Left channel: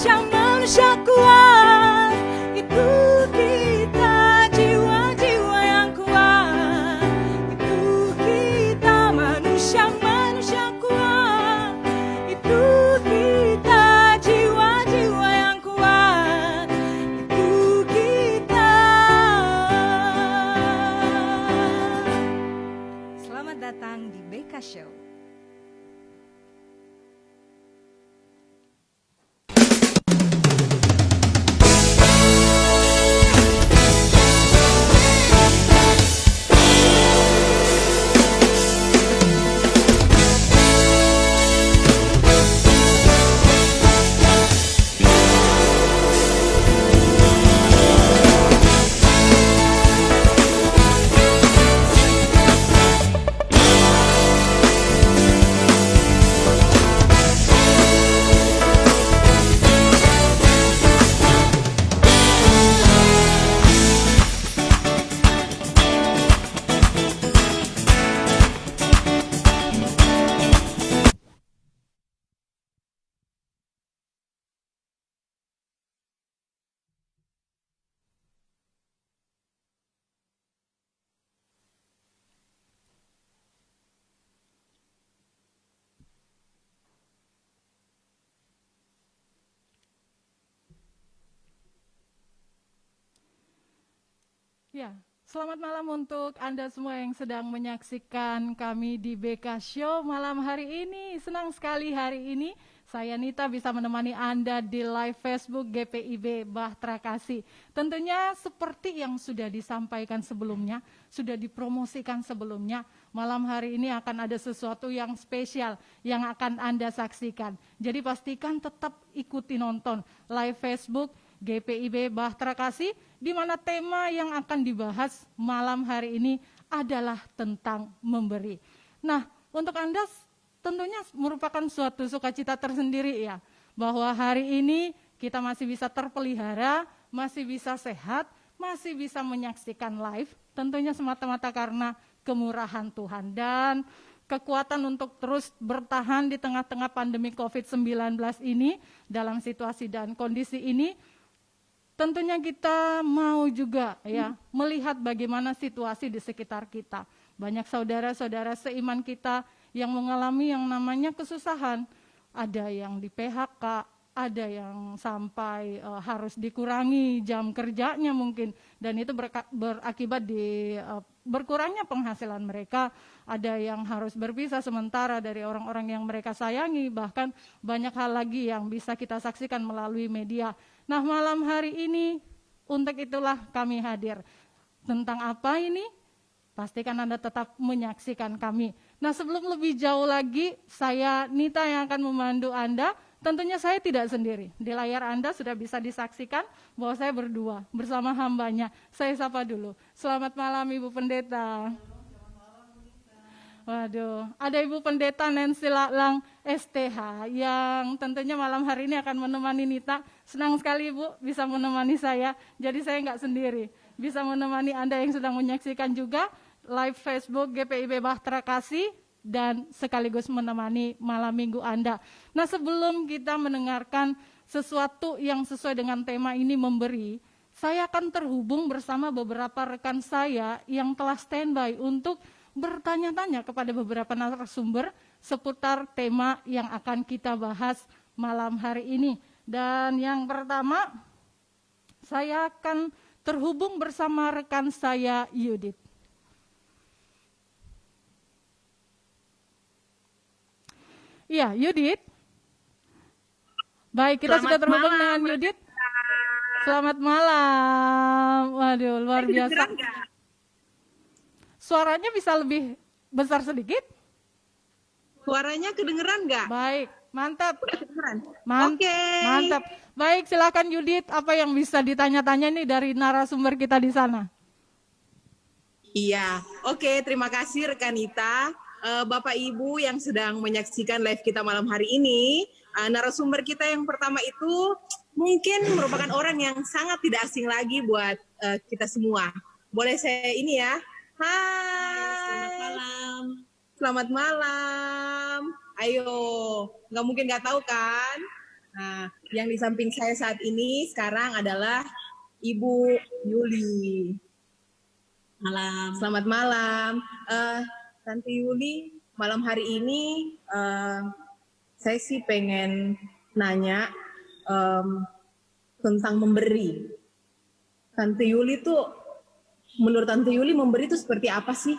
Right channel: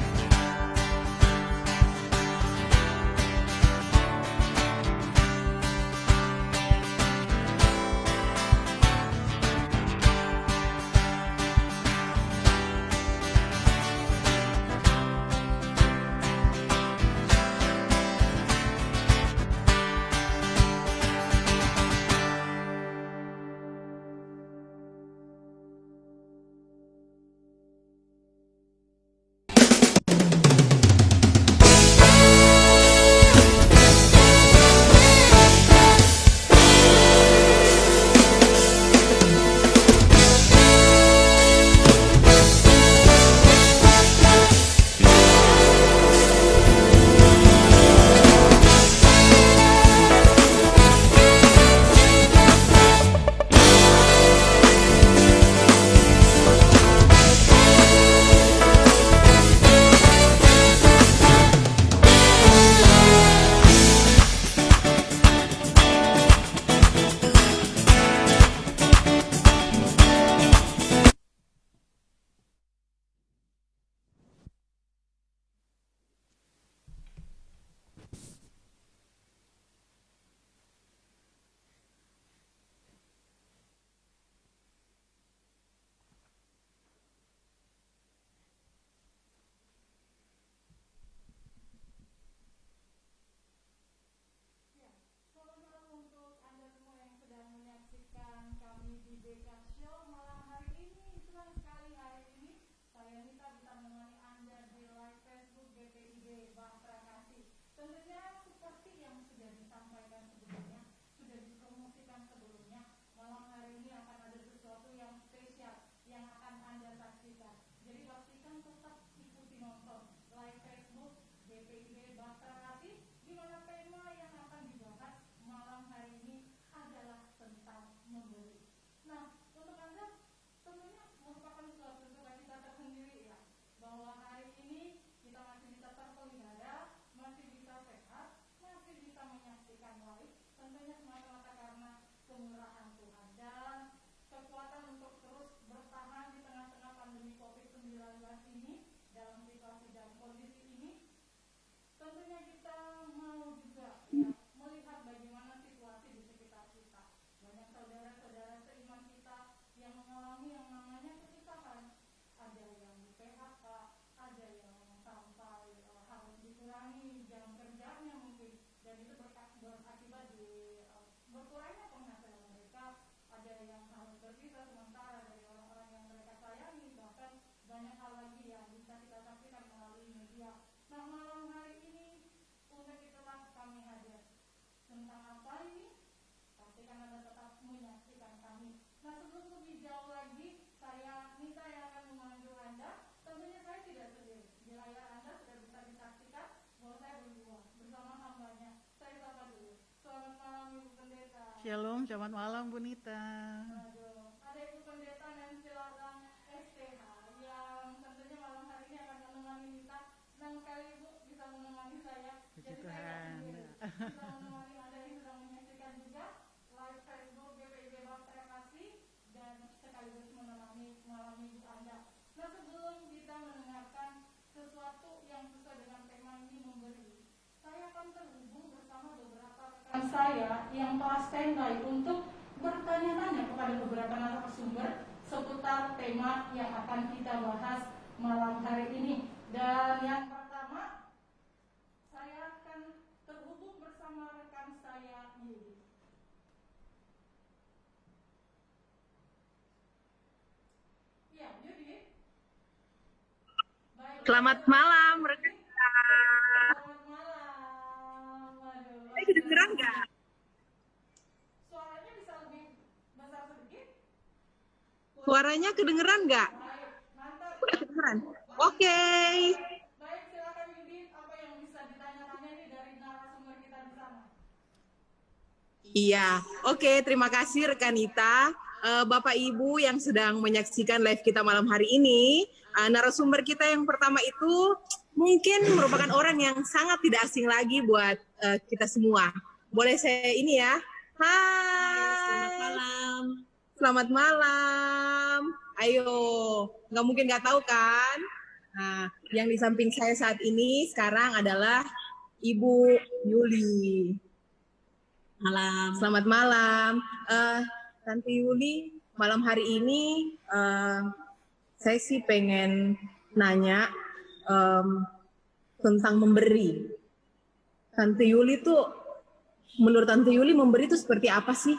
manusia kuat, itu kita jiwa-jiwa yang kuat, itu kita manusia kuat, itu kita jiwa-jiwa yang kuat, itu kita. Selamat datang di BK Show. Ya, selamat malam untuk Anda semua yang sedang menyaksikan kami di BK Show malam hari ini. Senang sekali hari ini saya Nita bisa menemani Anda di live Facebook GPIB Bahtera Kasih. Tentunya seperti yang sudah disampaikan sebelumnya, sudah dipromosikan sebelumnya, malam hari ini akan ada sesuatu yang spesial yang akan Anda saksikan. Jadi pastikan tetap ikuti nonton live Facebook GPIB Bahtera Kasih, di mana tema yang akan dibahas malam hari ini adalah tentang memberi. Nah, untuk Anda tentunya merupakan suatu sukacita tersendiri ya, bahwa hari ini kita masih bisa terpelihara, masih bisa sehat, masih bisa menyaksikan live, tentunya semata-mata karena kemurahan Tuhan dan kekuatan untuk terus bertahan di tengah-tengah pandemi COVID-19 ini. Dalam situasi dan kondisi ini, tentunya kita mau juga ya melihat bagaimana situasi di sekitar kita. Banyak saudara-saudara seiman kita yang mengalami yang namanya kesusahan. Ada yang di PHK, ada yang sampai harus dikurangi jam kerjanya mungkin, dan itu berakibat di berkurangnya penghasilan mereka. Ada yang harus berpisah sementara dari orang-orang yang mereka sayangi, bahkan banyak hal lagi yang bisa kita saksikan melalui media. Nah, malam hari ini untuk itulah kami hadir. Tentang apa ini? Pastikan Anda tetap menyaksikan kami. Nah, sebelum lebih jauh lagi, saya Nita yang akan memandu Anda. Tentunya saya tidak sendiri. Di layar Anda sudah bisa disaksikan bahwa saya berdua bersama hambanya. Saya sapa dulu. Selamat malam Ibu Pendeta. Shalom, selamat malam Bu Nita. Waduh, ada Ibu Pendeta Nancy Laklang STH yang tentunya malam hari ini akan menemani Nita. Senang sekali Ibu bisa menemani saya. Jadi saya nggak sendiri, bisa menemani Anda yang sedang menyaksikan juga live Facebook GPIB Bahtera Kasih dan sekaligus menemani malam minggu Anda. Nah, sebelum kita mendengarkan sesuatu yang sesuai dengan tema ini memberi, saya akan terhubung bersama beberapa rekan saya yang telah standby untuk bertanya-tanya kepada beberapa narasumber seputar tema yang akan kita bahas malam hari ini. Dan yang pertama, saya akan terhubung bersama rekan saya Yudit. Iya, Yudit. Baik, kita sudah terhubung dengan Yudit. Selamat malam. Waduh, luar biasa. Suaranya bisa lebih besar sedikit? Suaranya kedengeran nggak? Baik, mantap. Oke. Mantap. Baik, silakan Yudit. Apa yang bisa ditanya-tanya nih dari narasumber kita di sana? Iya, oke. Terima kasih rekan Nita. Bapak Ibu yang sedang menyaksikan live kita malam hari ini, narasumber kita yang pertama itu mungkin merupakan orang yang sangat tidak asing lagi buat kita semua. Boleh saya ini ya? Hai. Selamat malam. Selamat malam. Ayo, nggak mungkin nggak tahu kan? Nah, yang di samping saya saat ini sekarang adalah Ibu Yuli. Malam. Selamat malam. Tante Yuli, malam hari ini saya sih pengen nanya tentang memberi. Tante Yuli tuh, menurut Tante Yuli memberi itu seperti apa sih?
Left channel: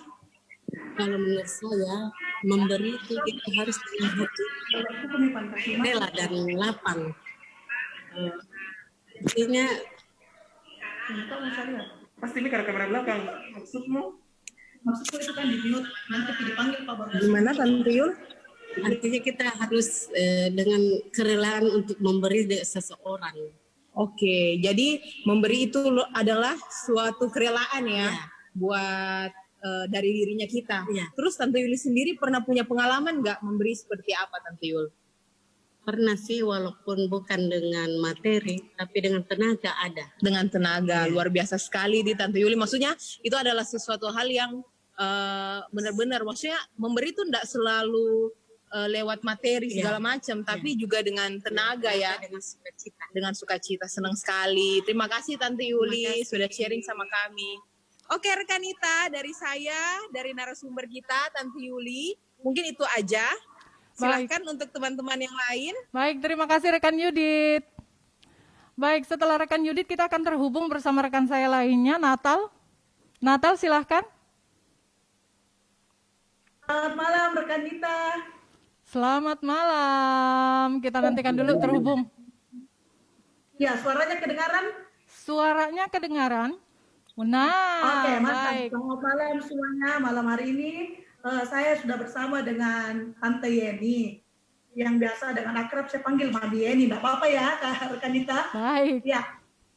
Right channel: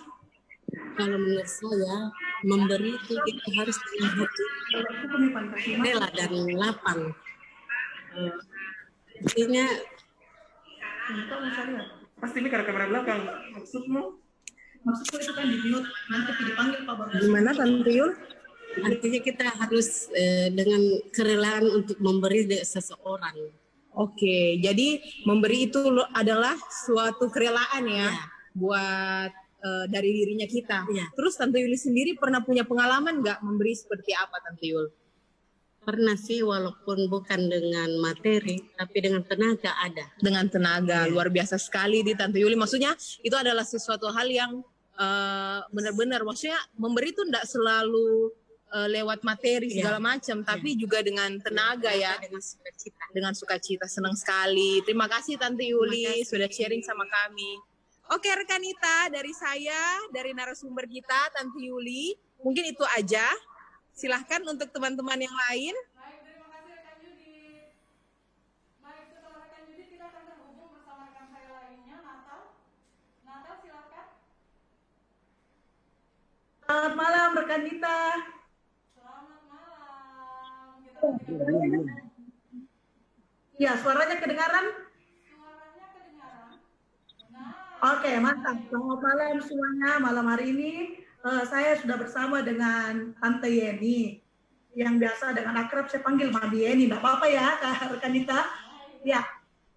Kalau menurut saya, memberi itu kita harus dengan hati rela dan lapang. Artinya, Pasti ini karena kamera belakang. Maksudku itu kan di mute, nanti dipanggil Pak Bagas. Gimana Tante Yul? artinya kita harus dengan kerelaan untuk memberi seseorang. Oke, jadi memberi itu adalah suatu kerelaan ya, Ya. buat dari dirinya kita. Ya. Terus Tante Yuli sendiri pernah punya pengalaman nggak memberi seperti apa Tante Yul? Pernah sih, walaupun bukan dengan materi, tapi dengan tenaga ada. Dengan tenaga, luar biasa sekali di Tante Yuli. Maksudnya itu adalah sesuatu hal yang benar-benar, maksudnya memberi itu tidak selalu lewat materi segala macam, tapi juga dengan tenaga ya. Dengan sukacita. Dengan sukacita, senang sekali. Terima kasih Tante Yuli sudah sharing sama kami. Oke rekanita, dari saya, dari narasumber kita Tante Yuli, mungkin itu aja. Silahkan untuk teman-teman yang lain. Baik, terima kasih rekan Yudit. Baik, setelah rekan Yudit kita akan terhubung bersama rekan saya lainnya, Natal. Natal silahkan. Selamat malam rekan Nita. Selamat malam. Kita nantikan dulu terhubung. Ya, suaranya kedengaran? Suaranya kedengaran. Nah, Oke, mantap. baik. Selamat malam semuanya. Malam hari ini saya sudah bersama dengan Tante Yeni. Yang biasa dengan akrab saya panggil Mami Yeni. Tidak apa-apa ya, rekan Nita. Baik. Ya,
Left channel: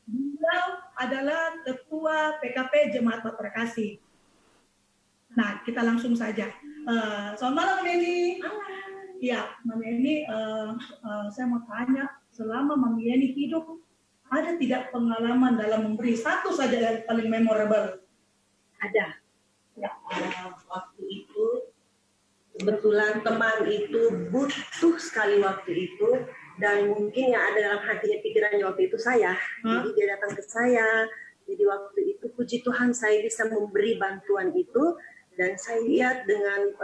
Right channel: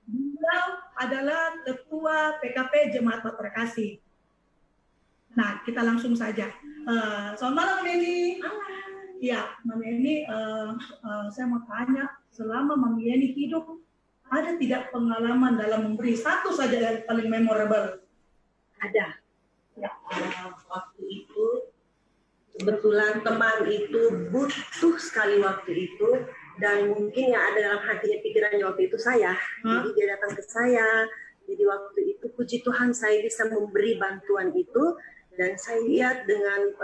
beliau adalah Ketua PKP Jemaat Bahtera Kasih. Nah, kita langsung saja. Selamat malam, Mami Yeni. Ya, Mami Yeni, saya mau tanya, selama Mami Yeni hidup, ada tidak pengalaman dalam memberi? Satu saja yang paling memorable. Ada. Ya. Waktu itu kebetulan teman itu butuh sekali waktu itu, dan mungkin yang ada dalam hatinya pikirannya waktu itu saya. Jadi dia datang ke saya. Jadi waktu itu puji Tuhan saya bisa memberi bantuan itu, dan saya lihat dengan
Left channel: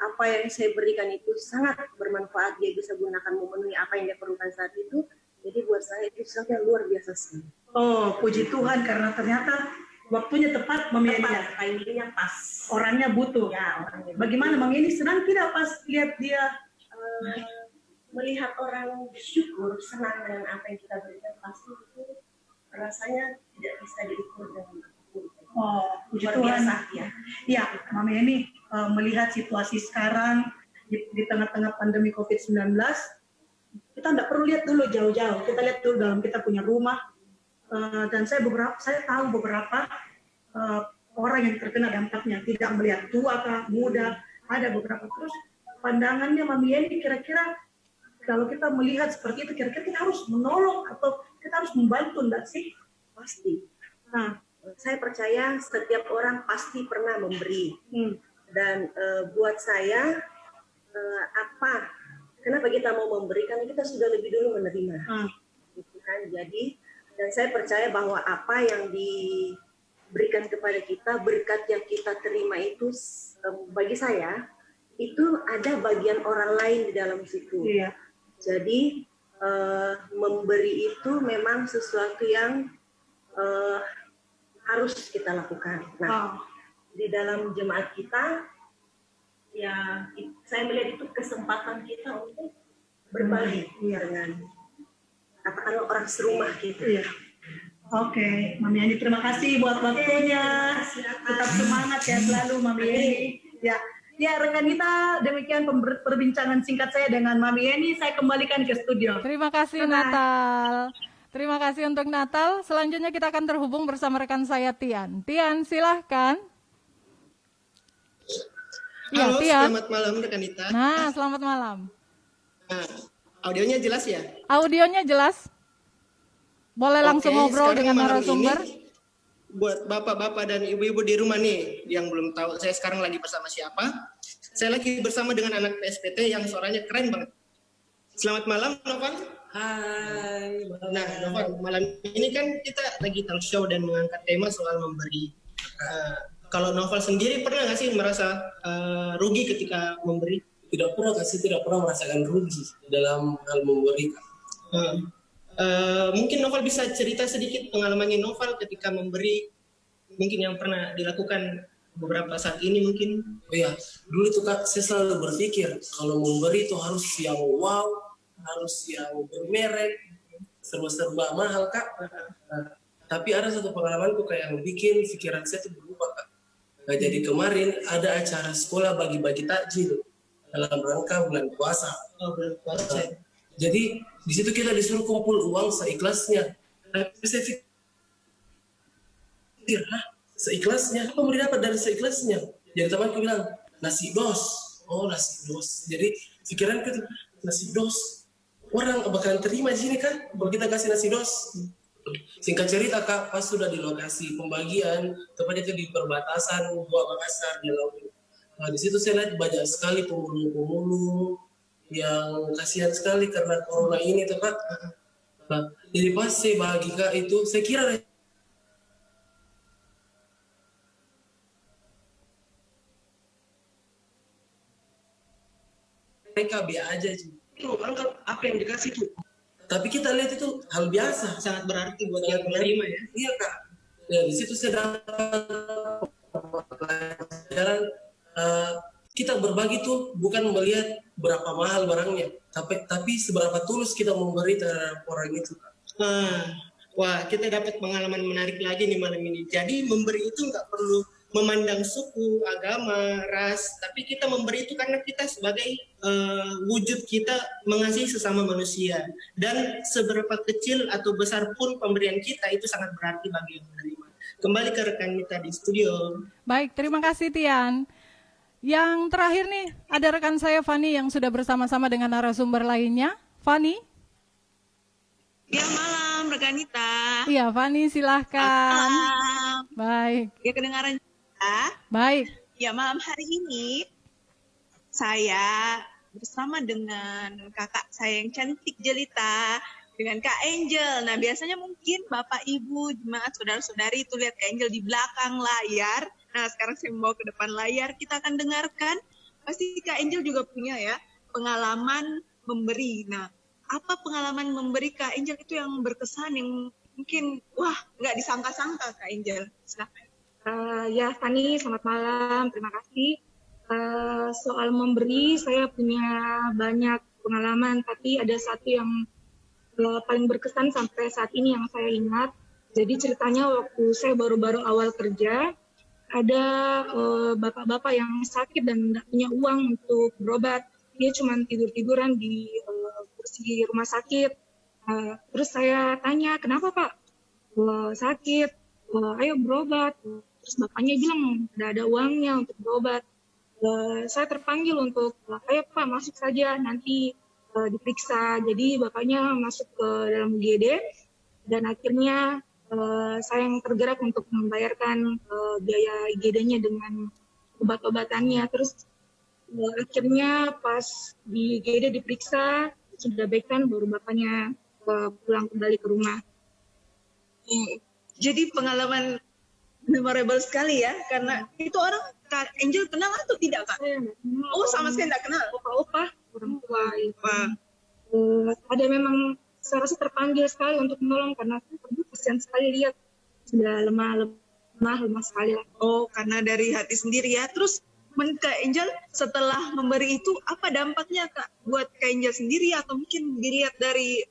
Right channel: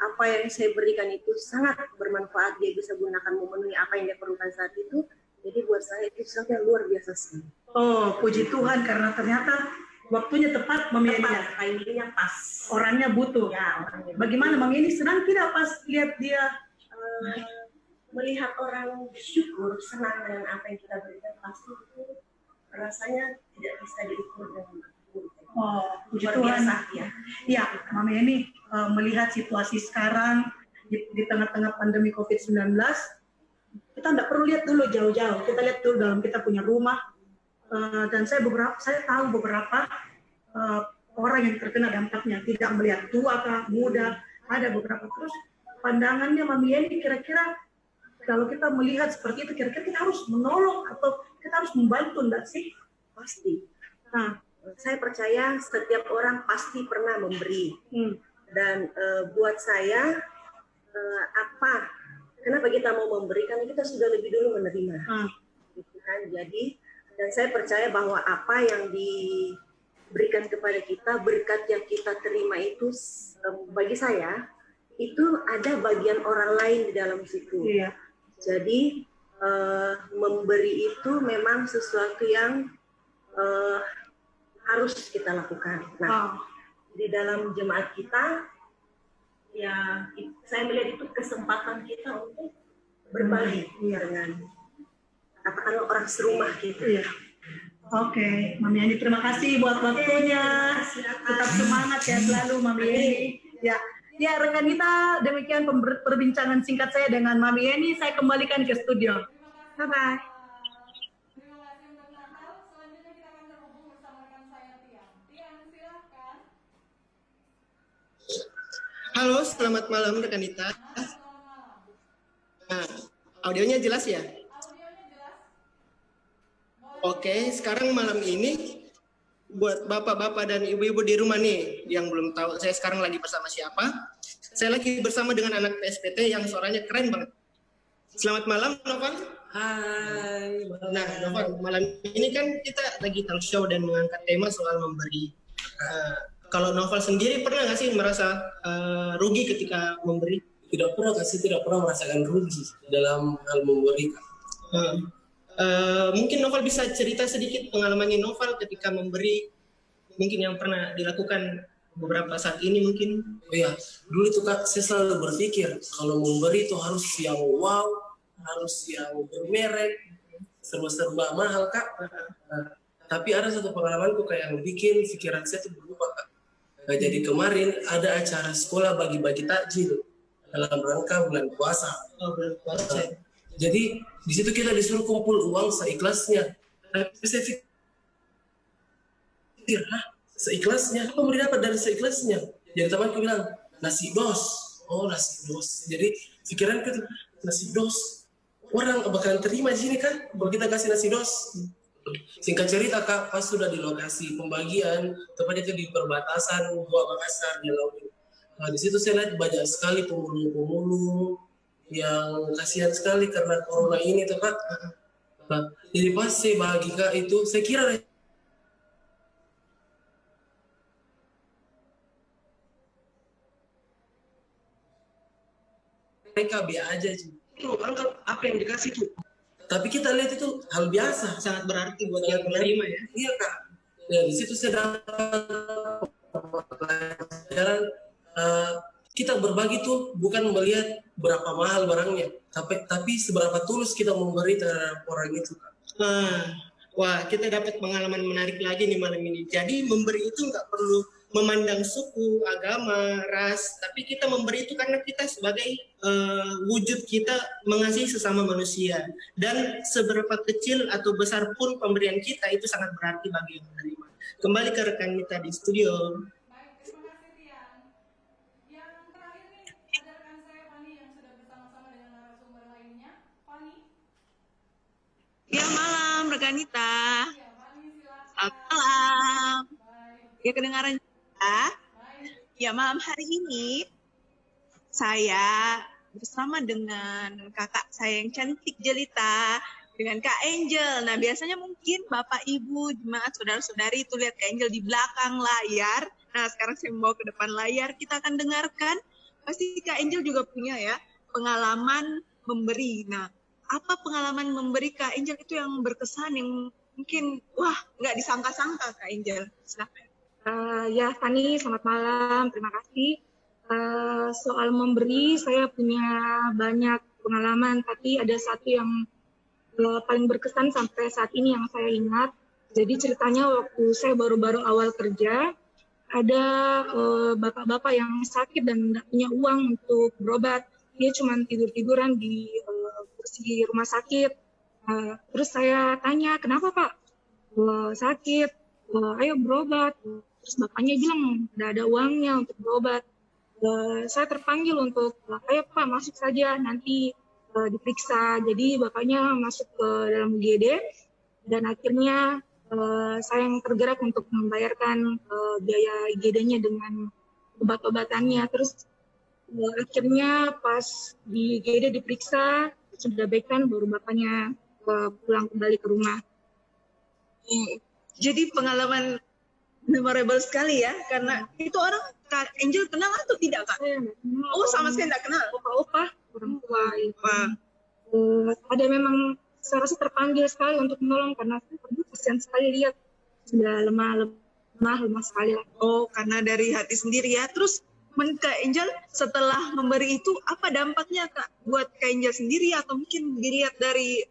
apa yang saya berikan itu sangat bermanfaat. Dia bisa gunakan memenuhi apa yang dia perlukan saat itu. Jadi buat saya itu sesuatu yang luar biasa sekali. Oh, puji Tuhan karena ternyata waktunya tepat, Mami Yeni. Tepat, timingnya pas. Orangnya butuh. Ya, orangnya. Bagaimana Mami Yeni senang tidak pas lihat dia? Melihat orang bersyukur, senang dengan apa yang kita berikan, pasti itu rasanya tidak bisa diukur dengan apapun. Oh, puji Luar Tuhan. biasa, ya. Ya, Mami Yeni melihat situasi sekarang di tengah-tengah pandemi COVID-19, kita tidak perlu lihat dulu jauh-jauh. Kita lihat dulu dalam kita punya rumah. Dan saya tahu beberapa orang yang terkena dampaknya, tidak melihat tua kah, muda, ada beberapa. Terus pandangannya Mami Yeni kira-kira kalau kita melihat seperti itu, kira-kira kita harus menolong atau kita harus membantu, enggak sih? Pasti. Nah, Saya percaya setiap orang pasti pernah memberi. Dan buat saya, kenapa kita mau memberi? Karena kita sudah lebih dulu menerima. Gitu kan? Jadi, dan saya percaya bahwa apa yang diberikan kepada kita, berkat yang kita terima itu, bagi saya, itu ada bagian orang lain di dalam situ. iya. Jadi memberi itu memang sesuatu yang harus kita lakukan. Nah, di dalam jemaat kita, ya saya melihat itu kesempatan kita untuk berbagi dengan katakanlah orang serumah kita. Iya. Oke, Mami Yani, terima kasih buat waktunya. Tetap semangat ya selalu, Mami Yani. Ya, rekan kita, demikian perbincangan singkat saya dengan Mami Yani. Saya kembalikan ke studio. Terima kasih Bye-bye. Natal. Terima kasih untuk Natal. Selanjutnya kita akan terhubung bersama rekan saya Tian. Tian, silahkan. Halo, Tian. selamat malam rekan Nita. Nah, selamat malam. Nah, audionya jelas ya? Audionya jelas? Boleh langsung Oke, ngobrol sekarang dengan malam ini narasumber? buat bapak-bapak dan ibu-ibu di rumah nih yang belum tahu saya sekarang lagi bersama siapa. Saya lagi bersama dengan anak PSPT yang suaranya keren banget. Selamat malam, Novan. Hai. Nah, Novel, malam ini kan kita lagi talk show dan mengangkat tema soal memberi. Kalau Novel sendiri pernah nggak sih merasa rugi ketika memberi? Tidak pernah merasakan rugi dalam hal memberi. Mungkin Novel bisa cerita sedikit pengalamannya Novel ketika memberi, mungkin yang pernah dilakukan beberapa saat ini mungkin. Oh ya, dulu itu Kak, saya selalu berpikir kalau memberi itu harus yang wow, harus yang bermerek, serba-serba mahal Kak. Tapi ada satu pengalamanku kayak yang bikin pikiran saya itu berubah Kak. Jadi kemarin ada acara sekolah bagi-bagi takjil dalam rangka bulan puasa. Bulan puasa. Jadi di situ kita disuruh kumpul uang seikhlasnya. Tapi saya pikir, seikhlasnya? Apa mau didapat dari seikhlasnya? Jadi temanku bilang, nasi dos. Oh, nasi dos. Jadi pikiranku itu, nasi dos. Orang bakalan terima di sini kan? Kalau kita kasih nasi dos. Singkat cerita Kak, pas sudah di lokasi pembagian, tepatnya itu di perbatasan Gua Makassar di Laut. Nah, di situ saya lihat banyak sekali pemulung-pemulung yang kasihan sekali karena corona ini tuh Kak. Nah, jadi pas saya bagi Kak itu, saya kira mereka biasa aja sih. Itu anggap apa yang dikasih itu. Tapi kita lihat itu hal biasa, Sangat berarti buat yang menerima ya. Iya Kak. Ya, di situ saya dapat pelajaran kita berbagi tuh bukan melihat berapa mahal barangnya, tapi seberapa tulus kita memberi terhadap orang itu Kak. Wah, kita dapat pengalaman menarik lagi nih malam ini. Jadi memberi itu nggak perlu memandang suku, agama, ras, tapi kita memberi itu karena kita sebagai wujud kita mengasihi sesama manusia. Dan seberapa kecil atau besar pun pemberian kita itu sangat berarti bagi yang menerima. Kembali ke rekan kita di studio. Baik, terima kasih Tian. Yang terakhir nih, ada rekan saya Fani yang sudah bersama-sama dengan narasumber lainnya. Fani? Ya, malam Rekanita. Iya, Fani silahkan. Malam. Baik. Ya, kedengaran ya? Baik. Ya, malam hari ini saya bersama dengan kakak saya yang cantik jelita, dengan Kak Angel. Nah, biasanya mungkin Bapak, Ibu, jemaat, saudara-saudari itu lihat Kak Angel di belakang layar. Nah, sekarang saya membawa ke depan layar, kita akan dengarkan. Pasti Kak Angel juga punya ya pengalaman memberi. Nah, apa pengalaman memberi Kak Angel itu yang berkesan, yang mungkin, wah, nggak disangka-sangka Kak Angel? Silakan. Ya, Fani, selamat malam. Terima kasih. Soal memberi, saya punya banyak pengalaman, tapi ada satu yang paling berkesan sampai saat ini yang saya ingat. Jadi ceritanya waktu saya baru-baru awal kerja, ada bapak-bapak yang sakit dan tidak punya uang untuk berobat. Dia cuma tidur-tiduran di kursi rumah sakit. Terus saya tanya, kenapa Pak? Sakit, ayo berobat. Terus bapaknya bilang, tidak ada uangnya untuk berobat. Saya terpanggil untuk, ayo Pak masuk saja, nanti diperiksa. Jadi bapaknya masuk ke dalam UGD, dan akhirnya saya yang tergerak untuk membayarkan biaya IGD-nya dengan obat-obatannya. Terus akhirnya pas di IGD diperiksa, sudah baik kan, baru bapaknya pulang kembali ke rumah. Jadi pengalaman memorable sekali ya, karena itu orang Kak Angel kenal atau tidak Kak? Saya nggak kenal. Oh, sama sekali tidak kenal. Opa-opa, orang tua. Wah. Ada memang saya rasa terpanggil sekali untuk menolong karena saya kasihan sekali lihat sudah lemah sekali lah. Oh, karena dari hati sendiri ya. Terus Kak Angel setelah memberi itu apa dampaknya Kak buat Kak Angel sendiri atau mungkin dilihat dari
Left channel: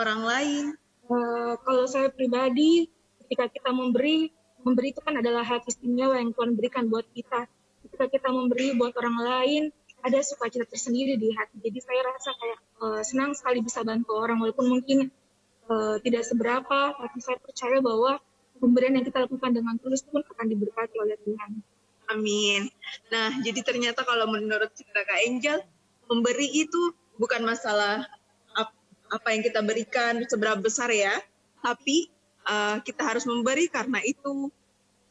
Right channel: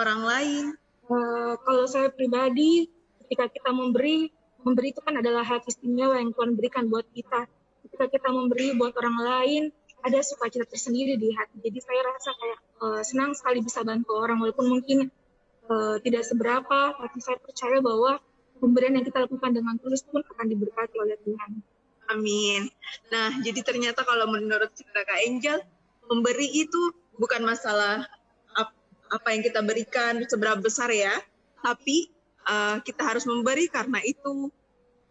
orang lain? Kalau saya pribadi, ketika kita memberi itu kan adalah hal istimewa yang Tuhan berikan buat kita. Ketika kita memberi buat orang lain, ada sukacita tersendiri di hati. Jadi saya rasa kayak senang sekali bisa bantu orang, walaupun mungkin tidak seberapa, tapi saya percaya bahwa pemberian yang kita lakukan dengan tulus pun akan diberkati oleh Tuhan. Amin. Nah, jadi ternyata kalau menurut cerita Kak Angel, memberi itu bukan masalah apa yang kita berikan seberapa besar ya, tapi kita harus memberi karena itu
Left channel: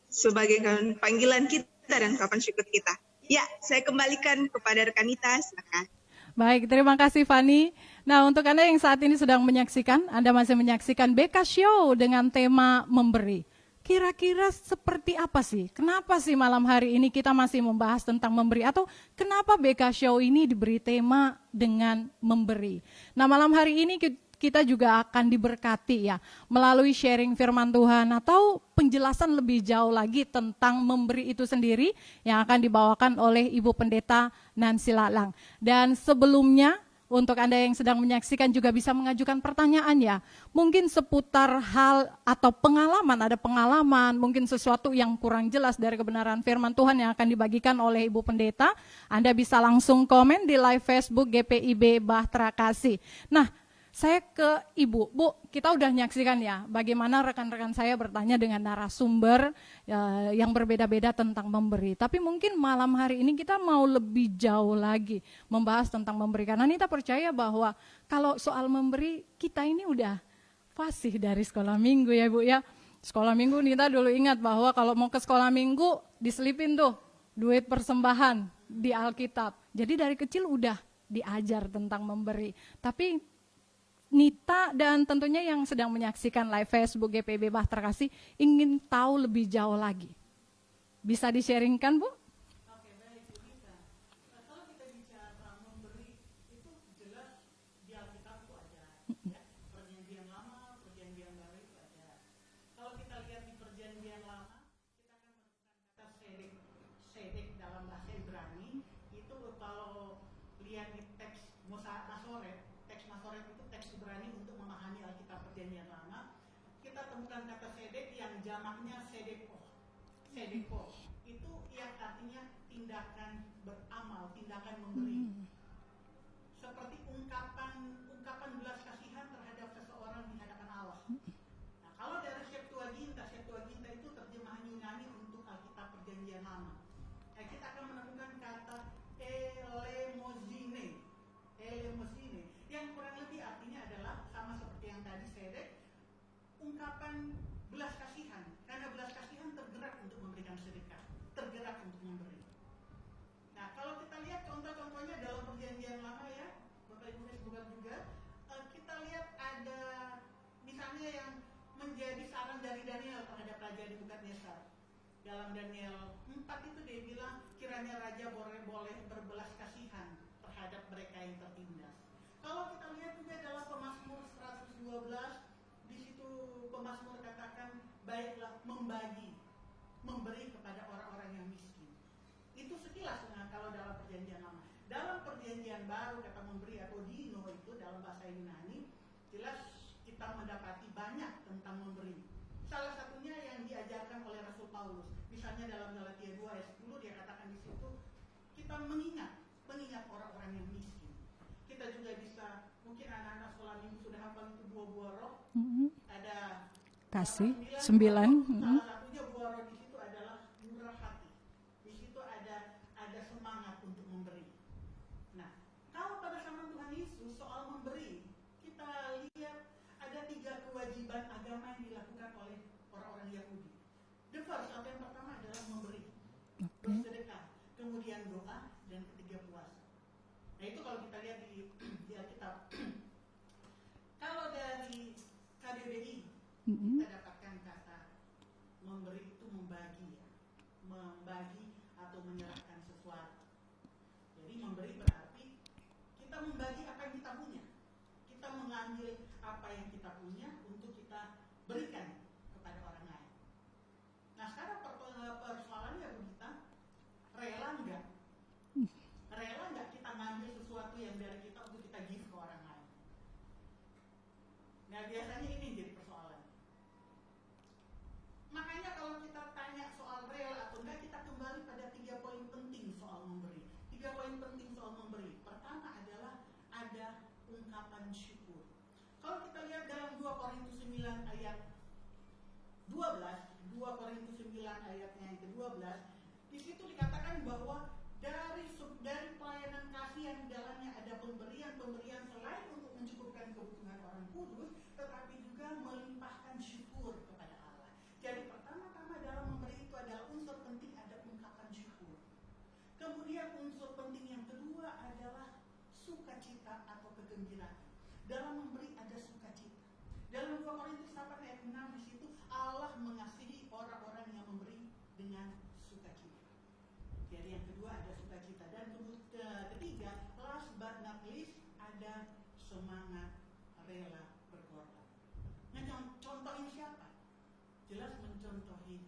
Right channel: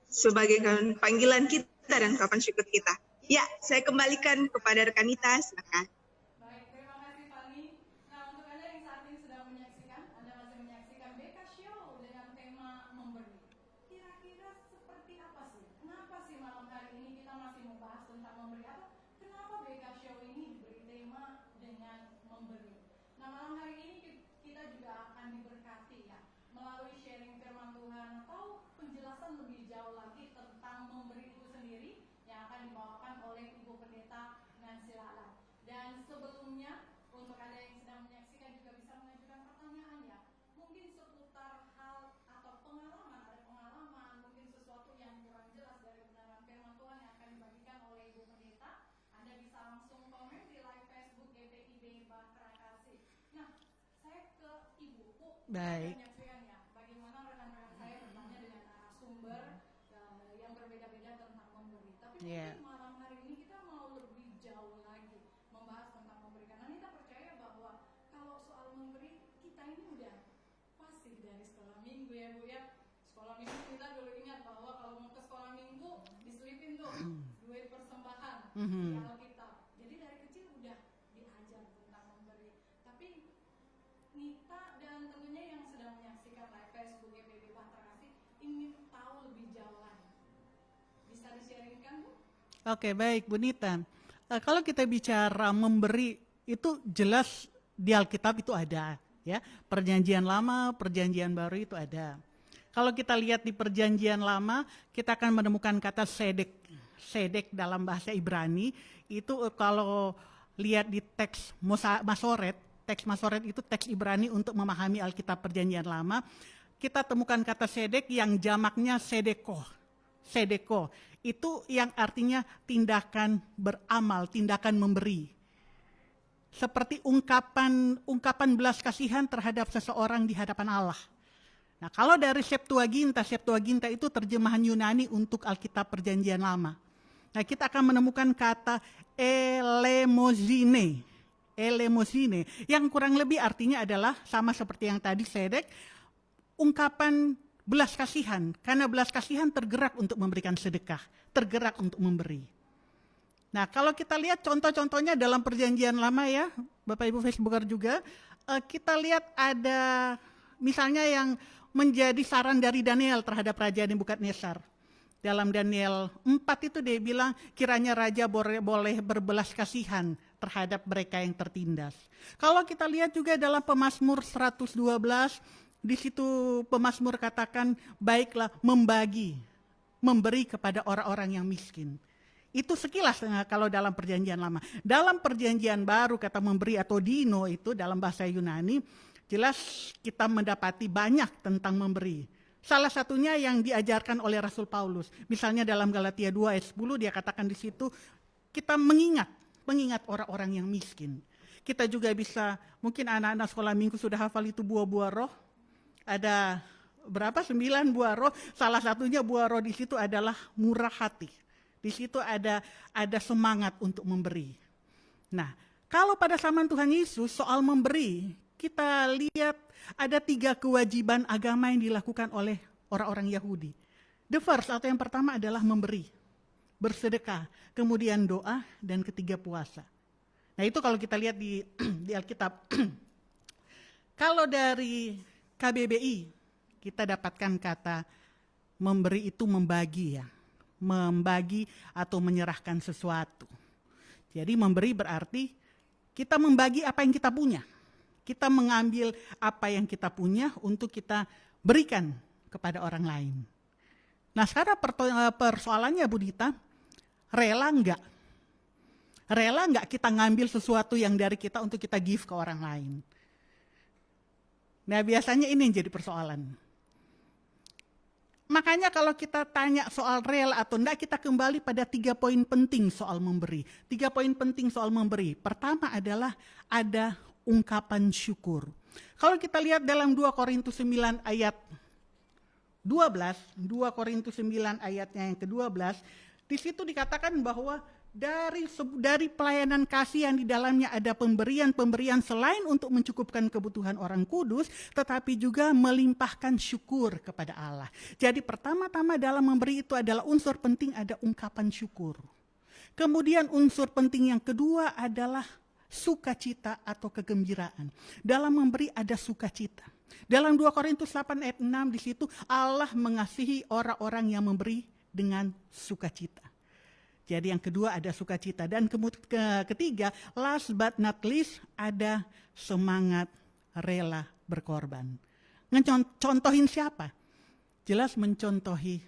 sebagai panggilan kita dan kapan syukur kita. Ya, saya kembalikan kepada rekan Nita, silakan. Baik, terima kasih Fani. Nah, untuk Anda yang saat ini sedang menyaksikan, Anda masih menyaksikan BK Show dengan tema memberi. Kira-kira seperti apa sih? Kenapa sih malam hari ini kita masih membahas tentang memberi? Atau kenapa BK Show ini diberi tema dengan memberi? Nah, malam hari ini kita juga akan diberkati ya melalui sharing firman Tuhan atau penjelasan lebih jauh lagi tentang memberi itu sendiri yang akan dibawakan oleh Ibu Pendeta Nancy Lalang. Dan sebelumnya untuk Anda yang sedang menyaksikan juga bisa mengajukan pertanyaan ya. Mungkin seputar hal atau pengalaman, ada pengalaman, mungkin sesuatu yang kurang jelas dari kebenaran firman Tuhan yang akan dibagikan oleh Ibu Pendeta. Anda bisa langsung komen di live Facebook GPIB Bahtera Kasih. Nah, saya ke Ibu, Bu, kita udah menyaksikan ya bagaimana rekan-rekan saya bertanya dengan narasumber yang berbeda-beda tentang memberi. Tapi mungkin malam hari ini kita mau lebih jauh lagi membahas tentang memberi. Karena Nita percaya bahwa kalau soal memberi kita ini udah fasih dari sekolah minggu ya Bu ya. Sekolah minggu Nita dulu ingat bahwa kalau mau ke sekolah minggu diselipin tuh duit persembahan di Alkitab. Jadi dari kecil udah diajar tentang memberi. Tapi Nita dan tentunya yang sedang menyaksikan live Facebook GPIB Bahtera Kasih ingin tahu lebih jauh lagi. Bisa di-sharingkan, Bu? Oke, baik Bu Nita. Kalau kita bicara memberi itu jelas di Alkitab itu ada ya. Perjanjian Lama, Perjanjian Baru itu ada. Kalau kita lihat di Perjanjian Lama, kita akan menemukan kata sedek. Sedek dalam bahasa Ibrani itu kalau lihat di teks Masoret, teks Masoret itu teks Ibrani untuk memahami Alkitab Perjanjian Lama. Kita temukan kata sedek yang jamaknya sedeko. Sedeko itu yang artinya tindakan beramal, tindakan memberi. Seperti ungkapan belas kasihan terhadap seseorang di hadapan Allah. Nah, kalau dari Septuaginta itu terjemahan Yunani untuk Alkitab Perjanjian Lama. Nah, kita akan menemukan kata elemosine. Elemosine, yang kurang lebih artinya adalah sama seperti yang tadi sedek, ungkapan belas kasihan, karena belas kasihan tergerak untuk memberikan sedekah, tergerak untuk memberi. Nah, kalau kita lihat contoh-contohnya dalam Perjanjian Lama ya, Bapak Ibu Facebooker juga, kita lihat ada misalnya yang menjadi saran dari Daniel terhadap Raja Nebukadnezar. Dalam Daniel 4 itu dia bilang kiranya raja boleh berbelas kasihan terhadap mereka yang tertindas. Kalau kita lihat juga dalam Pemazmur 112, di situ pemazmur katakan baiklah memberi kepada orang-orang yang miskin. Itu sekilas kalau dalam Perjanjian Lama. Dalam Perjanjian Baru kata memberi atau dino itu dalam bahasa Yunani, jelas kita mendapati banyak tentang memberi. Salah satunya yang diajarkan oleh Rasul Paulus. Misalnya dalam Galatia 2 ayat 10 dia katakan di situ kita mengingat orang-orang yang miskin. Kita juga bisa, mungkin anak-anak sekolah minggu sudah hafal itu buah-buah roh. Ada berapa? 9 buah roh. Salah satunya buah roh di situ adalah murah hati. Di situ ada semangat untuk memberi. Nah, kalau pada zaman Tuhan Yesus soal memberi, kita lihat ada 3 kewajiban agama yang dilakukan oleh orang-orang Yahudi. The first atau yang pertama adalah memberi, bersedekah, kemudian doa, dan ketiga puasa. Nah itu kalau kita lihat di Alkitab. Kalau dari KBBI kita dapatkan kata memberi itu membagi ya, membagi atau menyerahkan sesuatu. Jadi memberi berarti kita membagi apa yang kita punya. Kita mengambil apa yang kita punya untuk kita berikan kepada orang lain. Nah sekarang persoalannya Bu Dita, rela enggak? Rela enggak kita ngambil sesuatu yang dari kita untuk kita give ke orang lain? Nah biasanya ini yang jadi persoalan. Makanya kalau kita tanya soal rela atau enggak, kita kembali pada 3 poin penting soal memberi. 3 poin penting soal memberi. Pertama adalah ada ungkapan syukur. Kalau kita lihat dalam 2 Korintus 9 ayat 12, 2 Korintus 9 ayatnya yang ke-12, di situ dikatakan bahwa dari pelayanan kasih yang di dalamnya ada pemberian-pemberian selain untuk mencukupkan kebutuhan orang kudus, tetapi juga melimpahkan syukur kepada Allah. Jadi pertama-tama dalam memberi itu adalah unsur penting ada ungkapan syukur. Kemudian unsur penting yang kedua adalah sukacita atau kegembiraan. Dalam memberi ada sukacita. Dalam 2 Korintus 8 ayat 6 di situ Allah mengasihi orang-orang yang memberi dengan sukacita. Jadi yang kedua ada sukacita. Dan ketiga, last but not least, ada semangat rela berkorban. Contohin siapa? Jelas mencontohi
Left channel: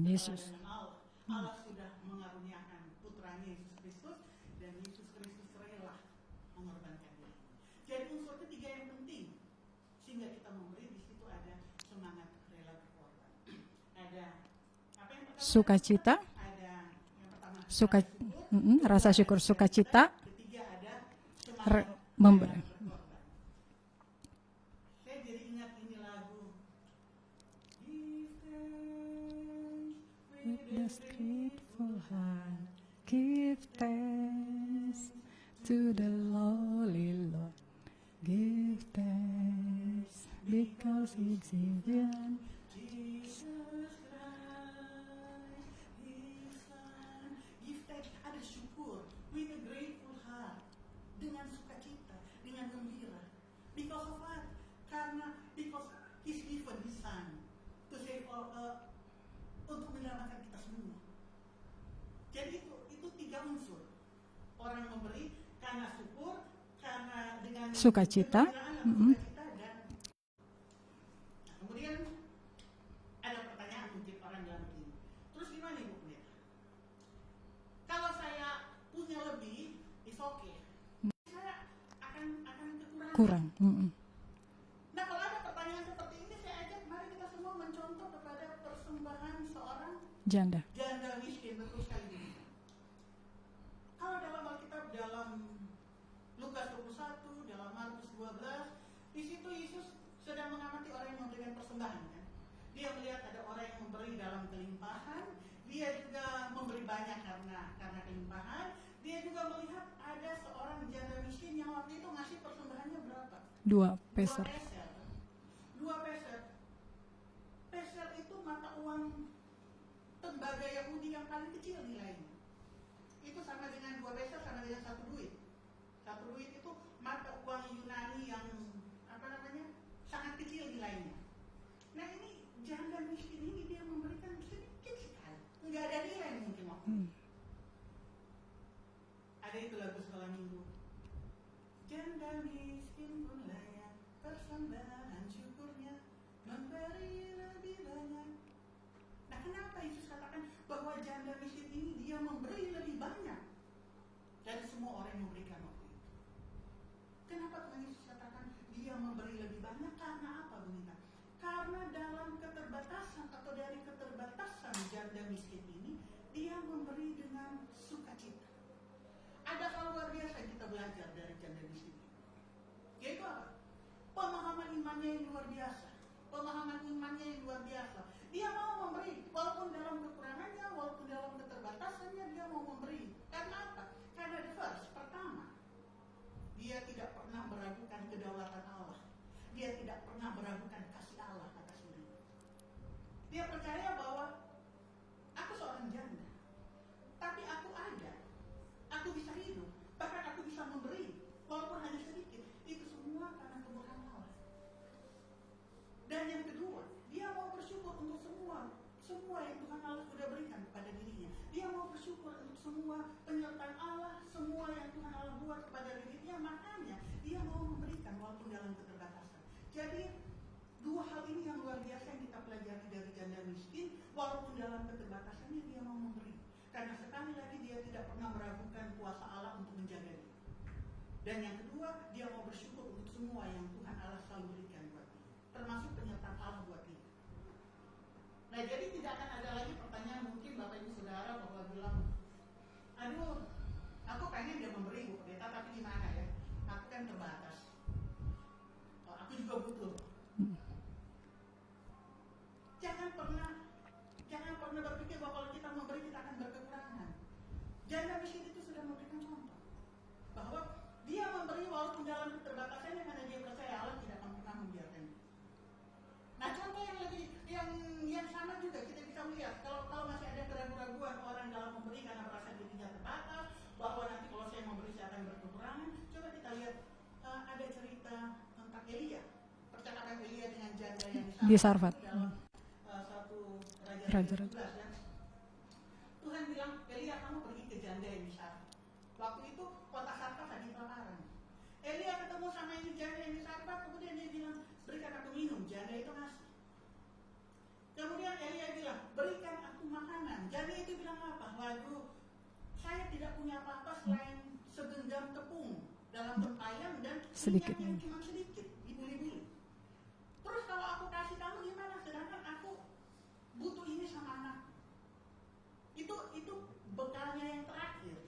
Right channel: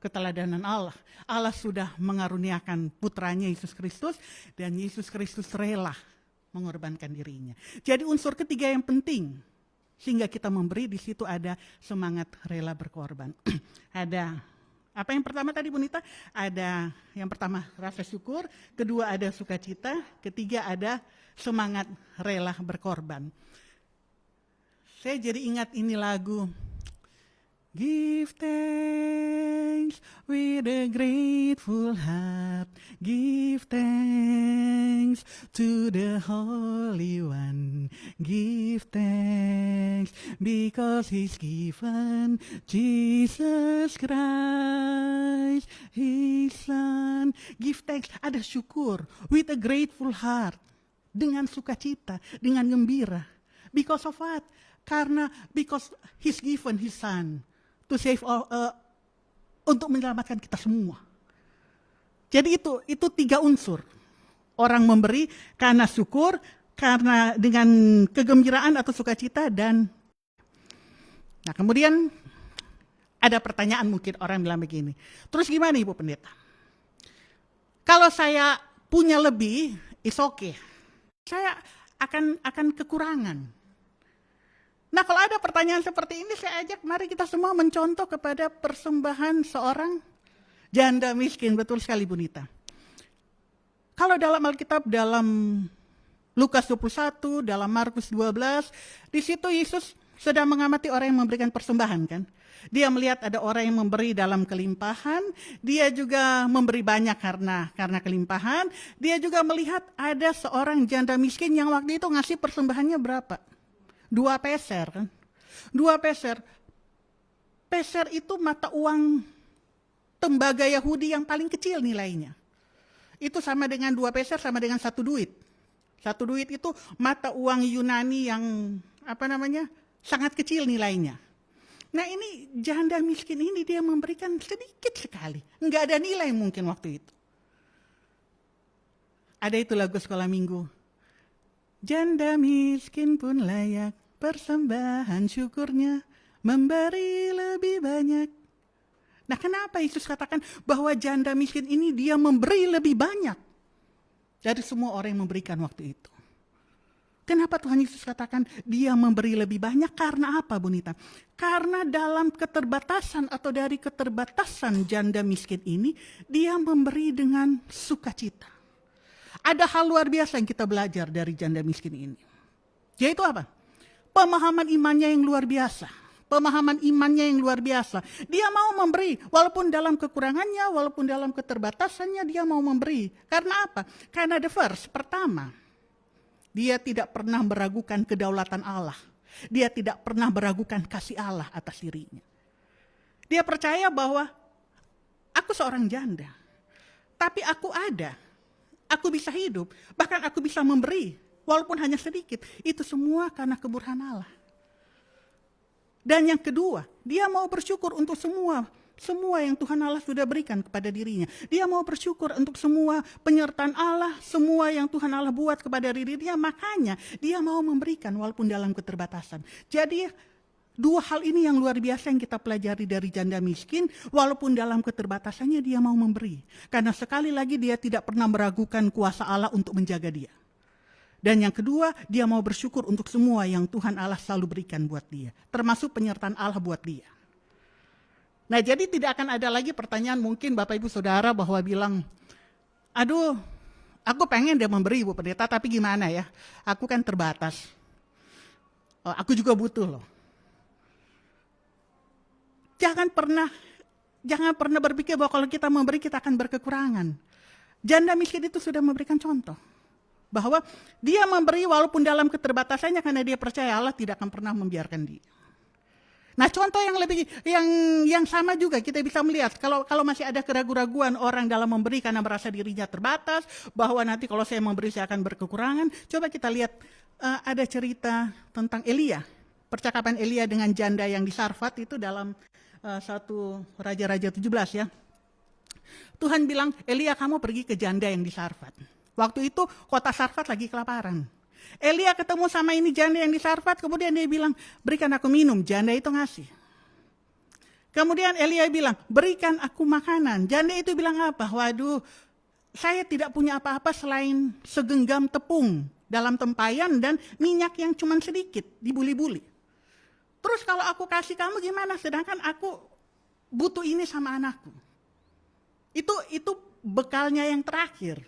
keteladanan Allah. Allah sudah mengaruniakan putranya Yesus Kristus, dan Yesus Kristus rela mengorbankan dirinya. Jadi unsur ketiga yang penting sehingga kita memberi, di situ ada semangat rela berkorban. Ada apa yang pertama tadi Bunita? Ada yang pertama rasa syukur, kedua rasa ada syukur, sukacita, ketiga ada semangat rela berkorban. Saya jadi ingat ini lagu, give thanks with a grateful heart, give thanks to the Holy One, give thanks because He's given Jesus Christ, His Son. Give thanks, ada syukur, with a grateful heart, dengan sukacita, dengan gembira. Because of what? Because He's given His Son to save all, untuk menyelamatkan kita semua. Jadi itu 3 unsur. Orang memberi karena syukur, karena dengan kegembiraan atau sukacita, dan nah kemudian ada pertanyaan, mungkin orang bilang begini, terus gimana Ibu Pendeta? Kalau saya punya lebih, it's okay. Saya akan kekurangan. Nah kalau ada pertanyaan seperti ini, saya ajak mari kita semua mencontoh kepada persembahan seorang janda miskin. Betul sekali Bunita. Kalau dalam Alkitab, dalam Lukas 21, dalam Markus 12, di situ Yesus sedang mengamati orang yang memberikan persembahan kan. Dia melihat ada orang yang memberi dalam kelimpahan, dia juga memberi banyak karena kelimpahan. Dia juga melihat ada seorang janda miskin yang waktu itu ngasih persembahannya berapa? 2 peser kan. 2 peser. Peser itu mata uang tembaga Yahudi yang paling kecil nilainya. Itu sama dengan 2 peser sama dengan 1 duit. 1 duit itu mata uang Yunani yang sangat kecil nilainya. Nah ini janda miskin ini dia memberikan sedikit sekali. Enggak ada nilai mungkin waktu itu. Ada itu lagu sekolah minggu. Janda miskin pun layak persembahan syukurnya, memberi lebih banyak. Nah kenapa Yesus katakan bahwa janda miskin ini dia memberi lebih banyak dari semua orang yang memberikan waktu itu? Kenapa Tuhan Yesus katakan dia memberi lebih banyak? Karena apa Bunita? Karena dalam keterbatasan atau dari keterbatasan janda miskin ini, dia memberi dengan sukacita. Ada hal luar biasa yang kita belajar dari janda miskin ini. Yaitu apa? Pemahaman imannya yang luar biasa. Pemahaman imannya yang luar biasa. Dia mau memberi, walaupun dalam kekurangannya, walaupun dalam keterbatasannya, dia mau memberi. Karena apa? Karena pertama, dia tidak pernah meragukan kedaulatan Allah. Dia tidak pernah meragukan kasih Allah atas dirinya. Dia percaya bahwa aku seorang janda, tapi aku ada. Aku bisa hidup, bahkan aku bisa memberi, walaupun hanya sedikit. Itu semua karena keburhaan Allah. Dan yang kedua, dia mau bersyukur untuk semua yang Tuhan Allah sudah berikan kepada dirinya. Dia mau bersyukur untuk semua penyertaan Allah, semua yang Tuhan Allah buat kepada dirinya. Makanya dia mau memberikan walaupun dalam keterbatasan. Jadi 2 hal ini yang luar biasa yang kita pelajari dari janda miskin. Walaupun dalam keterbatasannya dia mau memberi. Karena sekali lagi dia tidak pernah meragukan kuasa Allah untuk menjaga dia. Dan yang kedua, dia mau bersyukur untuk semua yang Tuhan Allah selalu berikan buat dia. Termasuk penyertaan Allah buat dia. Nah jadi tidak akan ada lagi pertanyaan mungkin Bapak Ibu Saudara bahwa bilang, aduh aku pengen dia memberi Bu Pendeta, tapi gimana ya, aku kan terbatas. Aku juga butuh loh. Jangan pernah berpikir bahwa kalau kita memberi kita akan berkekurangan. Janda miskin itu sudah memberikan contoh. Bahwa dia memberi walaupun dalam keterbatasannya karena dia percaya Allah tidak akan pernah membiarkan dia. Nah, contoh yang lebih yang sama juga kita bisa melihat kalau masih ada keraguan-raguan orang dalam memberi karena merasa dirinya terbatas, bahwa nanti kalau saya memberi saya akan berkekurangan. Coba kita lihat ada cerita tentang Elia, percakapan Elia dengan janda yang di Sarfat itu dalam satu Raja-Raja 17 ya. Tuhan bilang, Elia kamu pergi ke janda yang di Sarfat. Waktu itu kota Sarfat lagi kelaparan. Elia ketemu sama ini janda yang di Sarfat, kemudian dia bilang, berikan aku minum. Janda itu ngasih. Kemudian Elia bilang, berikan aku makanan. Janda itu bilang apa? Waduh, saya tidak punya apa-apa selain segenggam tepung dalam tempayan dan minyak yang cuma sedikit, dibuli-buli. Terus kalau aku kasih kamu gimana? Sedangkan aku butuh ini sama anakku. Itu bekalnya yang terakhir.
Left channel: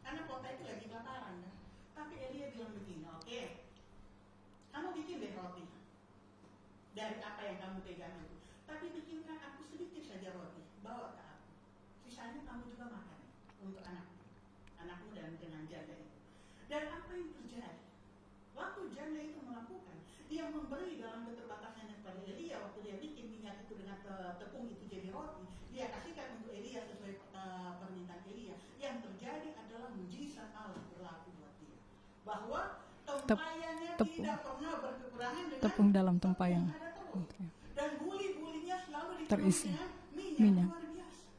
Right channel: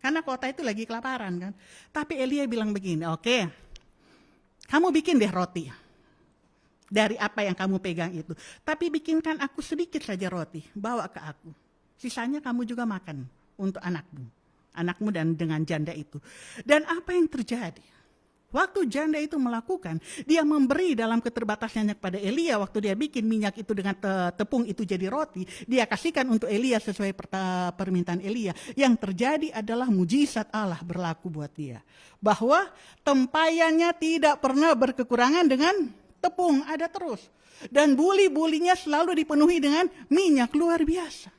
Karena kota itu lagi kelaparan kan. Tapi Elia bilang begini, oke, kamu bikin deh roti. Dari apa yang kamu pegang itu. Tapi bikinkan aku sedikit saja roti, bawa ke aku. Sisanya kamu juga makan untuk anakmu dan dengan janda itu. Dan apa yang terjadi? Waktu janda itu melakukan, dia memberi dalam keterbatasannya kepada Elia. Waktu dia bikin minyak itu dengan tepung itu jadi roti, dia kasihkan untuk Elia sesuai permintaan Elia. Yang terjadi adalah mujizat Allah berlaku buat dia. Bahwa tempayannya tidak pernah berkekurangan dengan tepung, ada terus. Dan buli-bulinya selalu dipenuhi dengan minyak, luar biasa.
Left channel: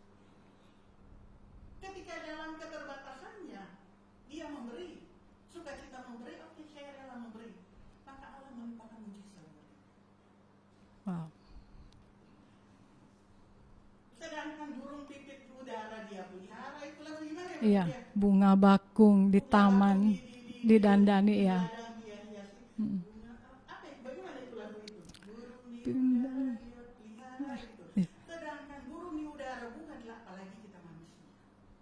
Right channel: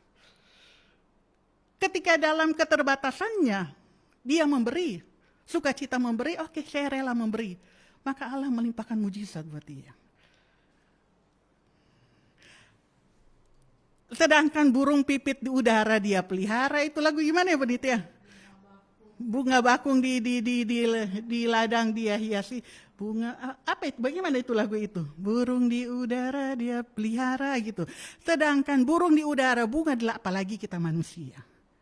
Ketika dalam keterbatasannya, dia memberi, sukacita memberi, oke, saya rela memberi. Maka Allah melimpahkan mujizat buat dia. Wow. Sedangkan burung pipit di udara dia pelihara, itu lagu gimana ya Bu Nitya? Bunga bakung Bunga bakung di didandani, ladang dia hiasi. Bunga apa itu? Bagaimana itu lagu itu? Burung di udara dia pelihara gitu. Sedangkan burung di udara, bunga adalah apalagi kita manusia.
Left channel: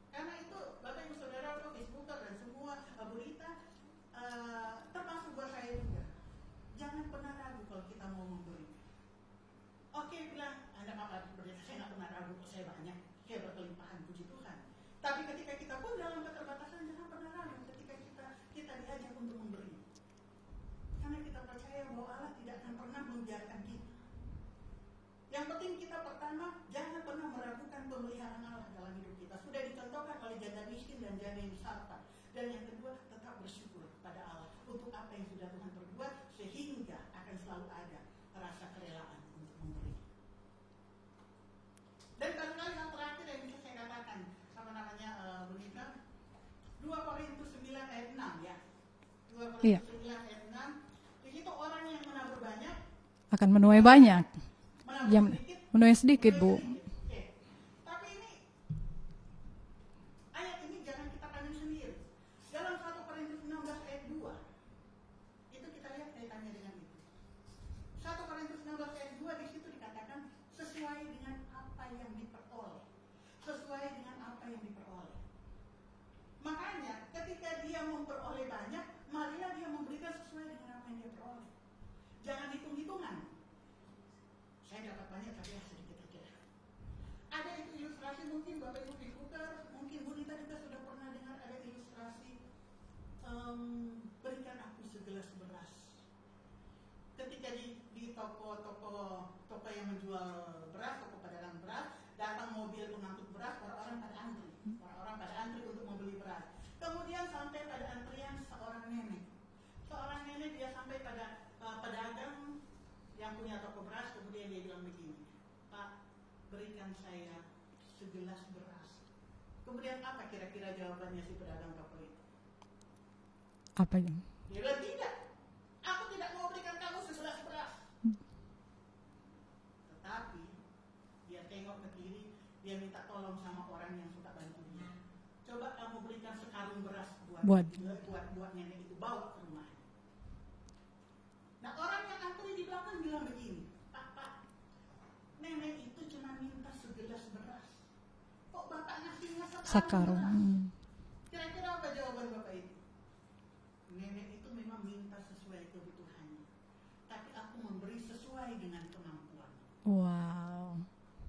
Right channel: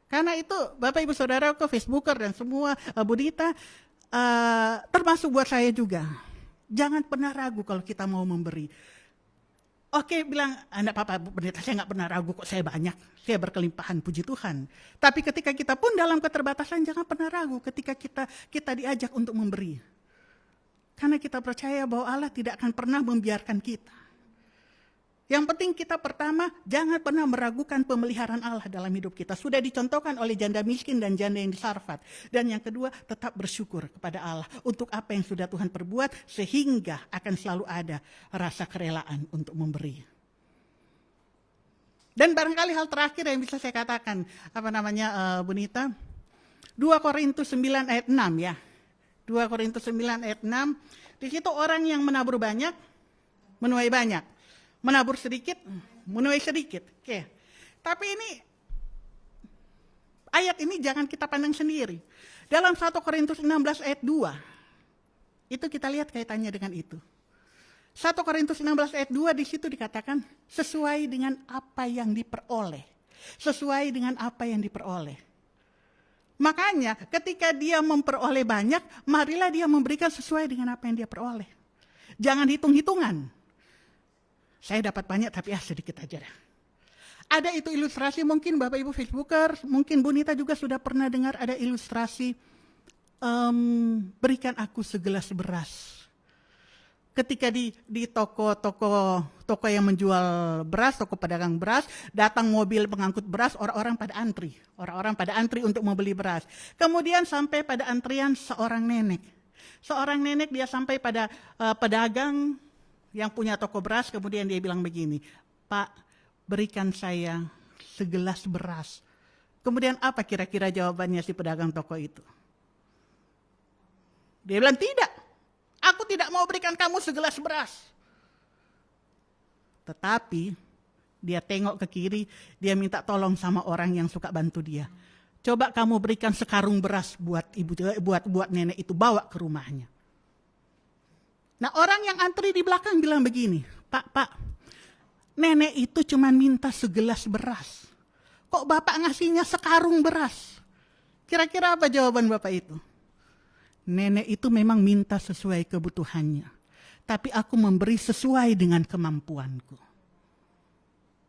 Karena itu Bapak Ibu Saudara, Facebooker dan semua Bu Dita, termasuk buat saya juga. Jangan pernah ragu kalau kita mau memberi. Oke, bilang, enggak apa-apa Bu Pendeta, saya nggak pernah ragu kok, saya banyak, saya berkelimpahan, puji Tuhan. Tapi ketika kita pun dalam keterbatasan, jangan pernah ragu ketika kita diajak untuk memberi. Karena kita percaya bahwa Allah tidak akan pernah membiarkan kita. Yang penting kita pertama, jangan pernah meragukan pemeliharaan Allah dalam hidup kita. Sudah dicontohkan oleh janda miskin dan janda yang di Sarfat. Dan yang kedua, tetap bersyukur kepada Allah untuk apa yang sudah Tuhan perbuat, sehingga akan selalu ada rasa kerelaan untuk memberi. Dan barangkali hal terakhir yang bisa saya katakan, Bu Nita, 2 Korintus 9 ayat 6 ya. 2 Korintus 9 ayat 6, di situ orang yang menabur banyak akan menuai banyak. Menabur sedikit, menuai sedikit. Oke. Tapi ini ayat ini jangan kita pandang sendiri. Dalam 1 Korintus 16 ayat 2, itu kita lihat kaitannya dengan itu. 1 Korintus 16 ayat 2 di situ dikatakan sesuai dengan apa yang diperoleh. Sesuai dengan apa yang diperoleh. Makanya ketika dia memperoleh banyak, marilah dia memberikan sesuai dengan apa yang dia peroleh. Jangan hitung-hitungan. Saya dapat banyak tapi sedikit aja dah. Ada itu ilustrasi, mungkin Bapak Ibu Facebooker, mungkin Bu Nita juga sudah pernah dengar ada ilustrasi berikan aku segelas beras. Ketika di toko yang menjual beras, toko pedagang beras, datang mobil pengangkut beras, orang-orang pada antri untuk membeli beras. Kemudian sampai pada antrian seorang nenek dia sampai pada pedagang yang punya toko beras, kemudian dia bilang begini, Pak, berikan saya segelas beras. Kemudian apa kira-kira jawabannya si pedagang toko itu? Apa yang? Dia bilang, tidak, aku tidak mau berikan kamu segelas beras. Tetapi dia tengok ke kiri, dia minta tolong sama orang yang suka bantu dia. Coba kamu berikan sekarung beras buat nenek itu, bawa ke rumahnya. Nah, orang yang antri di belakang bilang begini, Pak, nenek itu cuma minta segelas beras. Kok Bapak ngasihnya sekarung beras? Kira-kira apa jawaban Bapak itu? Nenek itu memang minta sesuai kebutuhannya. Tapi aku memberi sesuai dengan kemampuanku. Wow.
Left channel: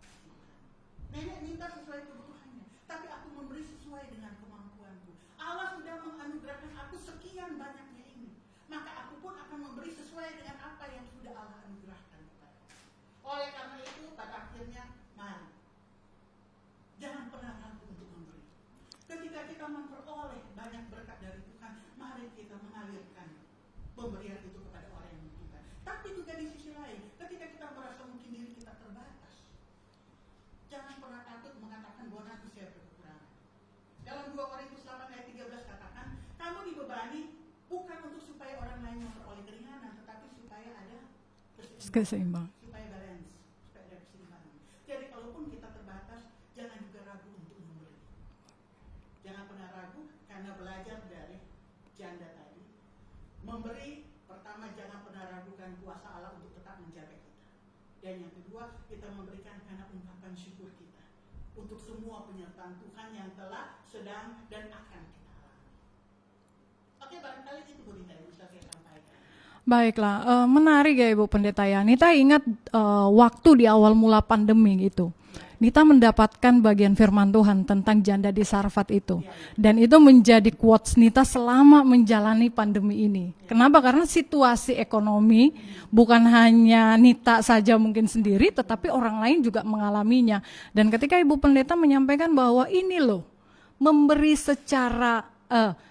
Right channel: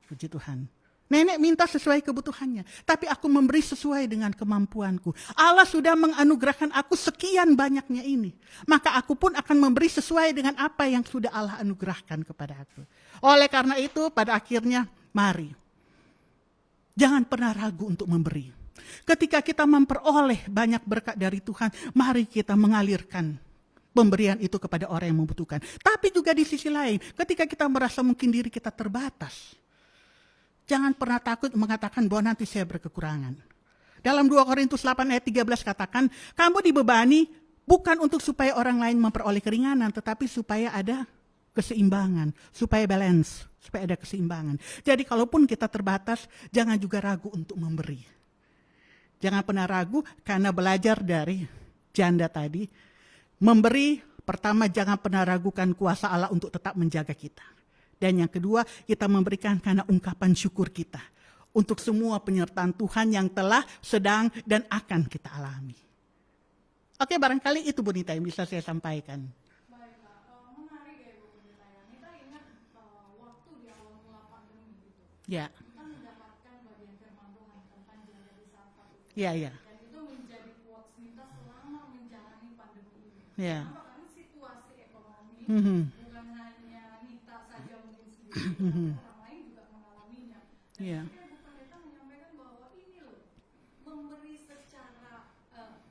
Puji Tuhan. Nenek minta sesuai kebutuhannya, tapi aku memberi sesuai dengan kemampuanku. Allah sudah menganugerahkan aku sekian banyaknya ini, maka aku pun akan memberi sesuai dengan apa yang sudah Allah anugerahkan kepada aku. Oleh karena itu, pada akhirnya, mari. Jangan pernah ragu untuk memberi. Ketika kita memperoleh banyak berkat dari Tuhan, mari kita mengalirkan pemberian itu kepada orang yang membutuhkan. Tapi juga di sisi lain, ketika kita merasa mungkin diri kita terbatas, jangan pernah takut mengatakan bahwa nanti saya berkekurangan. Dalam 2 Korintus 8 ayat 13 katakan, kamu dibebani bukan untuk supaya orang lain memperoleh keringanan, tetapi supaya ada keseimbangan, supaya balance, supaya ada keseimbangan. Jadi kalaupun kita terbatas, jangan juga ragu untuk memberi. Jangan pernah ragu, karena belajar dari janda tadi, memberi, pertama jangan pernah ragukan kuasa Allah untuk tetap menjaga kita. Dan yang kedua, kita memberikan karena ungkapan syukur kita untuk semua penyertaan Tuhan yang telah, sedang, dan akan kita alami. Oke, barangkali itu Bu Nita yang bisa saya sampaikan. Baiklah, menarik ya Ibu Pendeta ya. Nita ingat waktu di awal mula pandemi gitu. Ya. Nita mendapatkan bagian firman Tuhan tentang janda di Sarfat itu. Ya, ya. Dan itu menjadi quotes Nita selama menjalani pandemi ini. Ya. Kenapa? Karena situasi ekonomi bukan hanya Nita saja mungkin sendiri, tetapi orang lain juga mengalaminya. Dan ketika Ibu Pendeta menyampaikan bahwa ini loh, memberi secara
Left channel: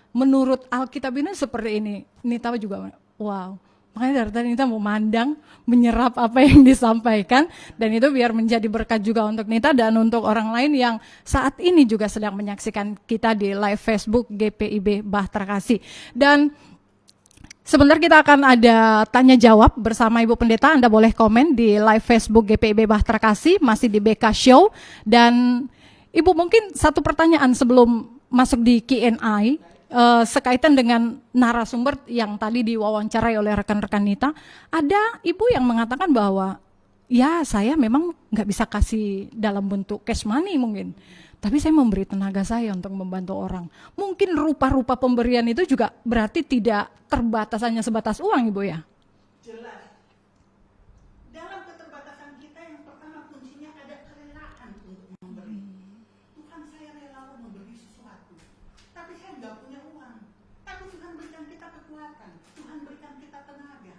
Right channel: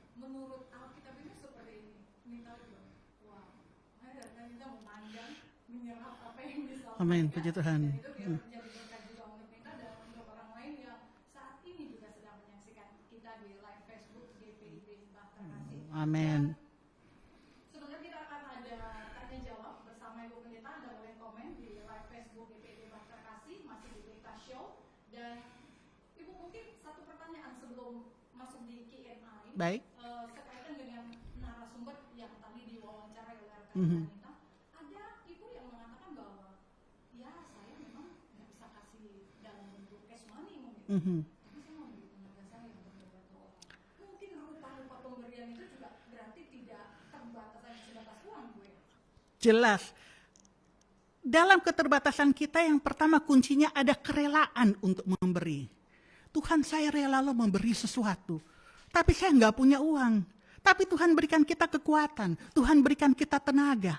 menurut Alkitab ini seperti ini. Nita juga wow, makanya dari tadi Nita mau mandang, menyerap apa yang disampaikan, dan itu biar menjadi berkat juga untuk Nita dan untuk orang lain yang saat ini juga sedang menyaksikan kita di live Facebook GPIB Bahtera Kasih. Dan sebentar kita akan ada tanya jawab bersama Ibu Pendeta. Anda boleh komen di live Facebook GPIB Bahtera Kasih, masih di BK Show. Dan Ibu mungkin satu pertanyaan sebelum masuk di Q&A, sekaitan dengan narasumber yang tadi diwawancarai oleh rekan-rekan Nita. Ada ibu yang mengatakan bahwa ya saya memang nggak bisa kasih dalam bentuk cash money mungkin, tapi saya memberi tenaga saya untuk membantu orang. Mungkin rupa-rupa pemberian itu juga berarti tidak terbatas hanya sebatas uang Ibu ya? Jelas. Dalam keterbatasan kita yang pertama kuncinya ada kerelaan untuk memberi. Tuhan, saya rela lo memberi sesuatu, tapi saya nggak punya uang. Tapi Tuhan berikan kita kekuatan, Tuhan berikan kita tenaga.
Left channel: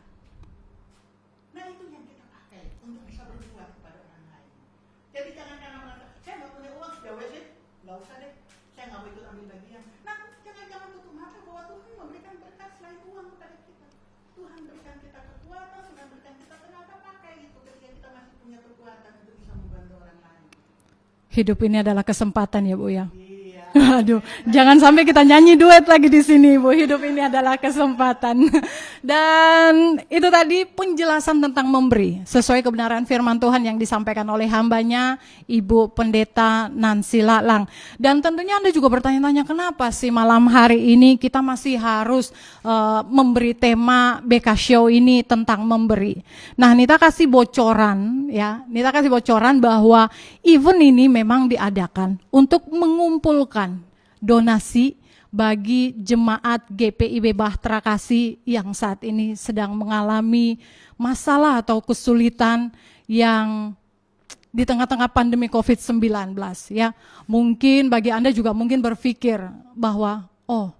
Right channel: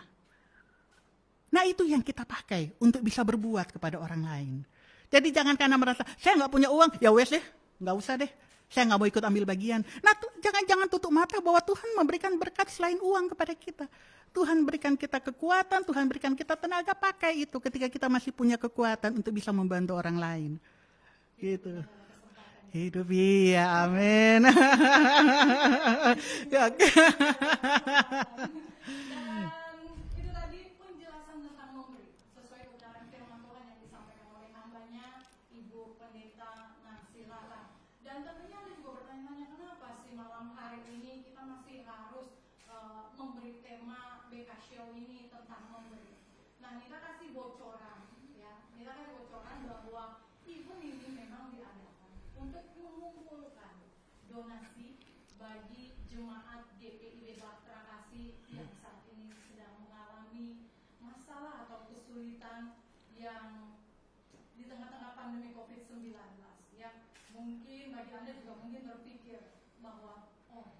Nah itu yang kita pakai untuk bisa berbuat kepada orang lain. Jadi jangan karena merasa, saya nggak punya uang, ya wes deh, nggak usah deh. Saya nggak mau ikut ambil bagian. Nah jangan tutup mata bahwa Tuhan memberikan berkat selain uang kepada kita. Tuhan berikan kita kekuatan, Tuhan berikan kita tenaga, pakai itu ketika kita masih punya kekuatan untuk bisa membantu orang lain. Hidup ini adalah kesempatan ya Bu ya. Iya. Aduh, jangan sampai kita nyanyi duet lagi di sini Bu. Hidup ini adalah kesempatan. Dan itu tadi penjelasan tentang memberi sesuai kebenaran firman Tuhan yang disampaikan oleh hambanya Ibu Pendeta Nancy Lalang. Dan tentunya Anda juga bertanya-tanya kenapa sih malam hari ini kita masih harus memberi tema BK Show ini tentang memberi. Nah, Nita kasih bocoran ya. Nita kasih bocoran bahwa event ini memang diadakan untuk mengumpulkan donasi bagi jemaat GPIB Bahtera Kasih yang saat ini sedang mengalami masalah atau kesulitan yang di tengah-tengah pandemi COVID-19 ya. Mungkin bagi Anda juga mungkin berpikir bahwa oh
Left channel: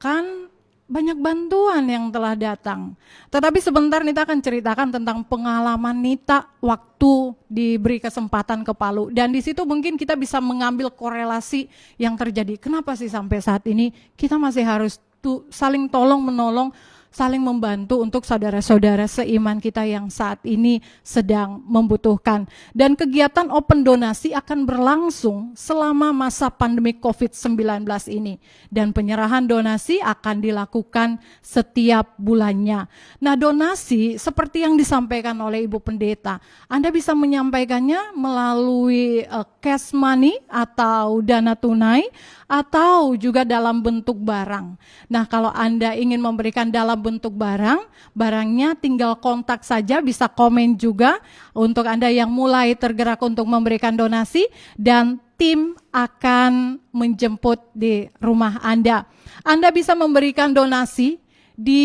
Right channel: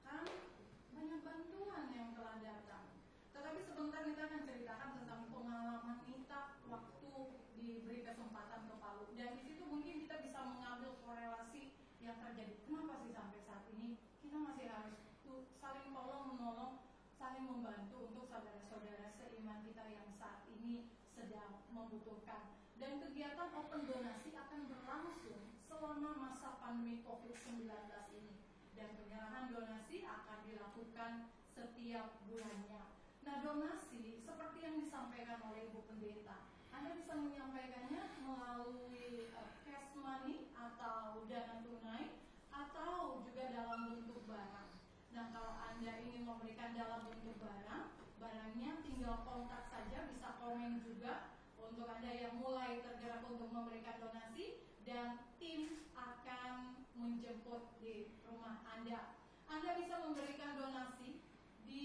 kan banyak bantuan yang telah datang. Tetapi sebentar Nita akan ceritakan tentang pengalaman Nita waktu diberi kesempatan ke Palu. Dan di situ mungkin kita bisa mengambil korelasi yang terjadi. Kenapa sih sampai saat ini kita masih harus saling tolong menolong, saling membantu untuk saudara-saudara seiman kita yang saat ini sedang membutuhkan. Dan kegiatan open donasi akan berlangsung selama masa pandemi COVID-19 ini. Dan penyerahan donasi akan dilakukan setiap bulannya. Nah, donasi seperti yang disampaikan oleh Ibu Pendeta, Anda bisa menyampaikannya melalui cash money atau dana tunai, atau juga dalam bentuk barang. Nah, kalau Anda ingin memberikan dalam bentuk barang, barangnya tinggal kontak saja, bisa komen juga untuk Anda yang mulai tergerak untuk memberikan donasi, dan tim akan menjemput di rumah Anda. Anda bisa memberikan donasi di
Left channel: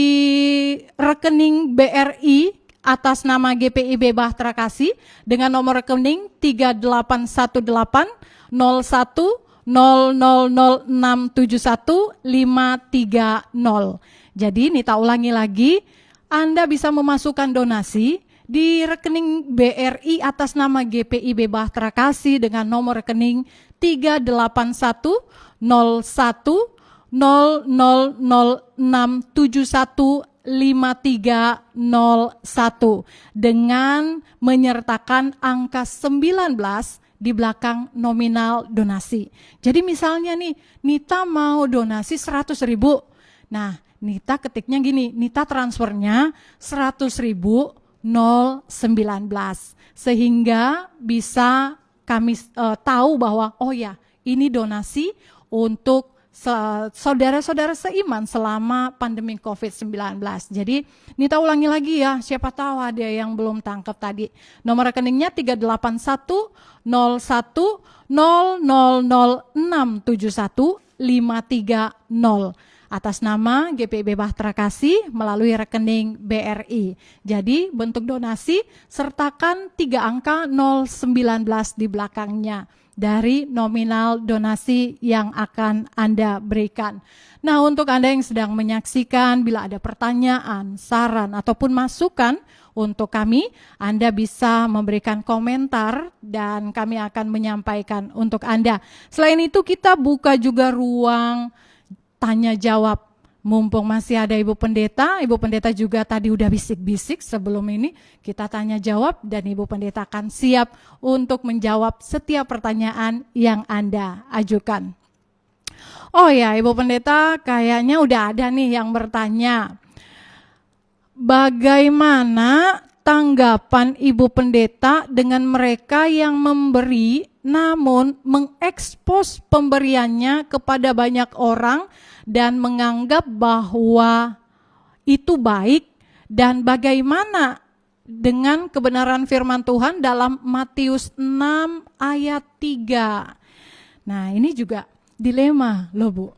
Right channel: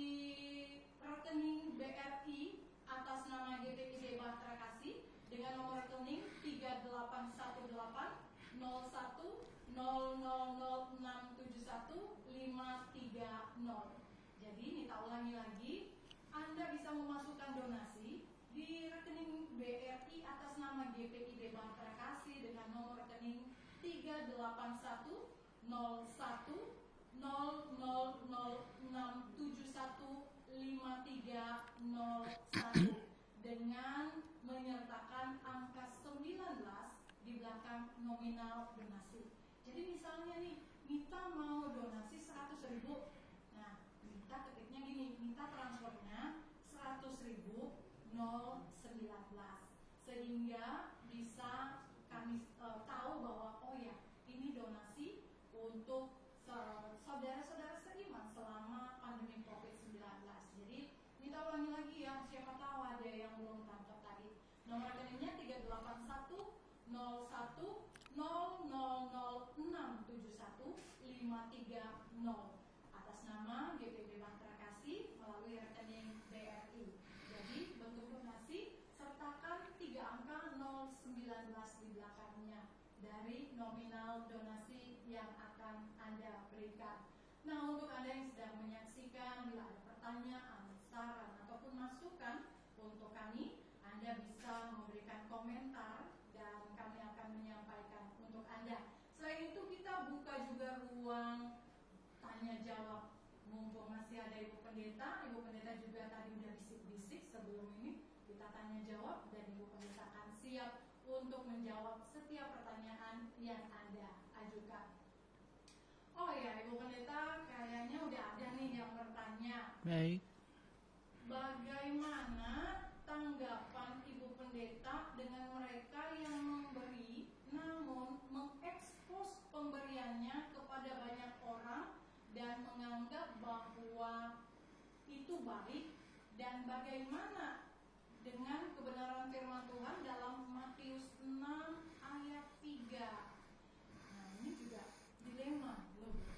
rekening BRI atas nama GPIB Bahtera Kasih dengan nomor rekening 381801000671 Jadi Nita ulangi lagi, Anda bisa memasukkan donasi di rekening BRI atas nama GPIB Bahtera Kasih dengan nomor rekening 38180006715301 dengan menyertakan angka 19 di belakang nominal donasi. Jadi misalnya nih, Nita mau donasi 100.000. Nah, Nita ketiknya gini, Nita transfernya 100.019 sehingga bisa kami tahu bahwa oh ya, ini donasi untuk saudara-saudara seiman selama pandemi COVID-19. Jadi Nita ulangi lagi ya, siapa tahu ada yang belum tangkap tadi. Nomor rekeningnya 381000067153 atas nama GPIB Bahtera Kasih melalui rekening BRI. Jadi bentuk donasi sertakan 3 angka 019 di belakangnya dari nominal donasi yang akan Anda berikan. Nah, untuk Anda yang sedang menyaksikan, bila ada pertanyaan, saran, ataupun masukan untuk kami, Anda bisa memberikan komentar dan kami akan menyampaikan untuk Anda. Selain itu, kita buka juga ruang tanya jawab. Mumpung masih ada Ibu Pendeta juga tadi udah bisik-bisik sebelum ini, kita tanya jawab dan Ibu Pendeta akan siap untuk menjawab setiap pertanyaan yang Anda ajukan. Oh ya, Ibu Pendeta kayaknya udah ada nih yang bertanya. Bagaimana tanggapan Ibu Pendeta dengan mereka yang memberi namun mengekspos pemberiannya kepada banyak orang dan menganggap bahwa itu baik, dan bagaimana dengan kebenaran firman Tuhan dalam Matius 6 ayat 3. Nah, ini juga dilema loh Bu.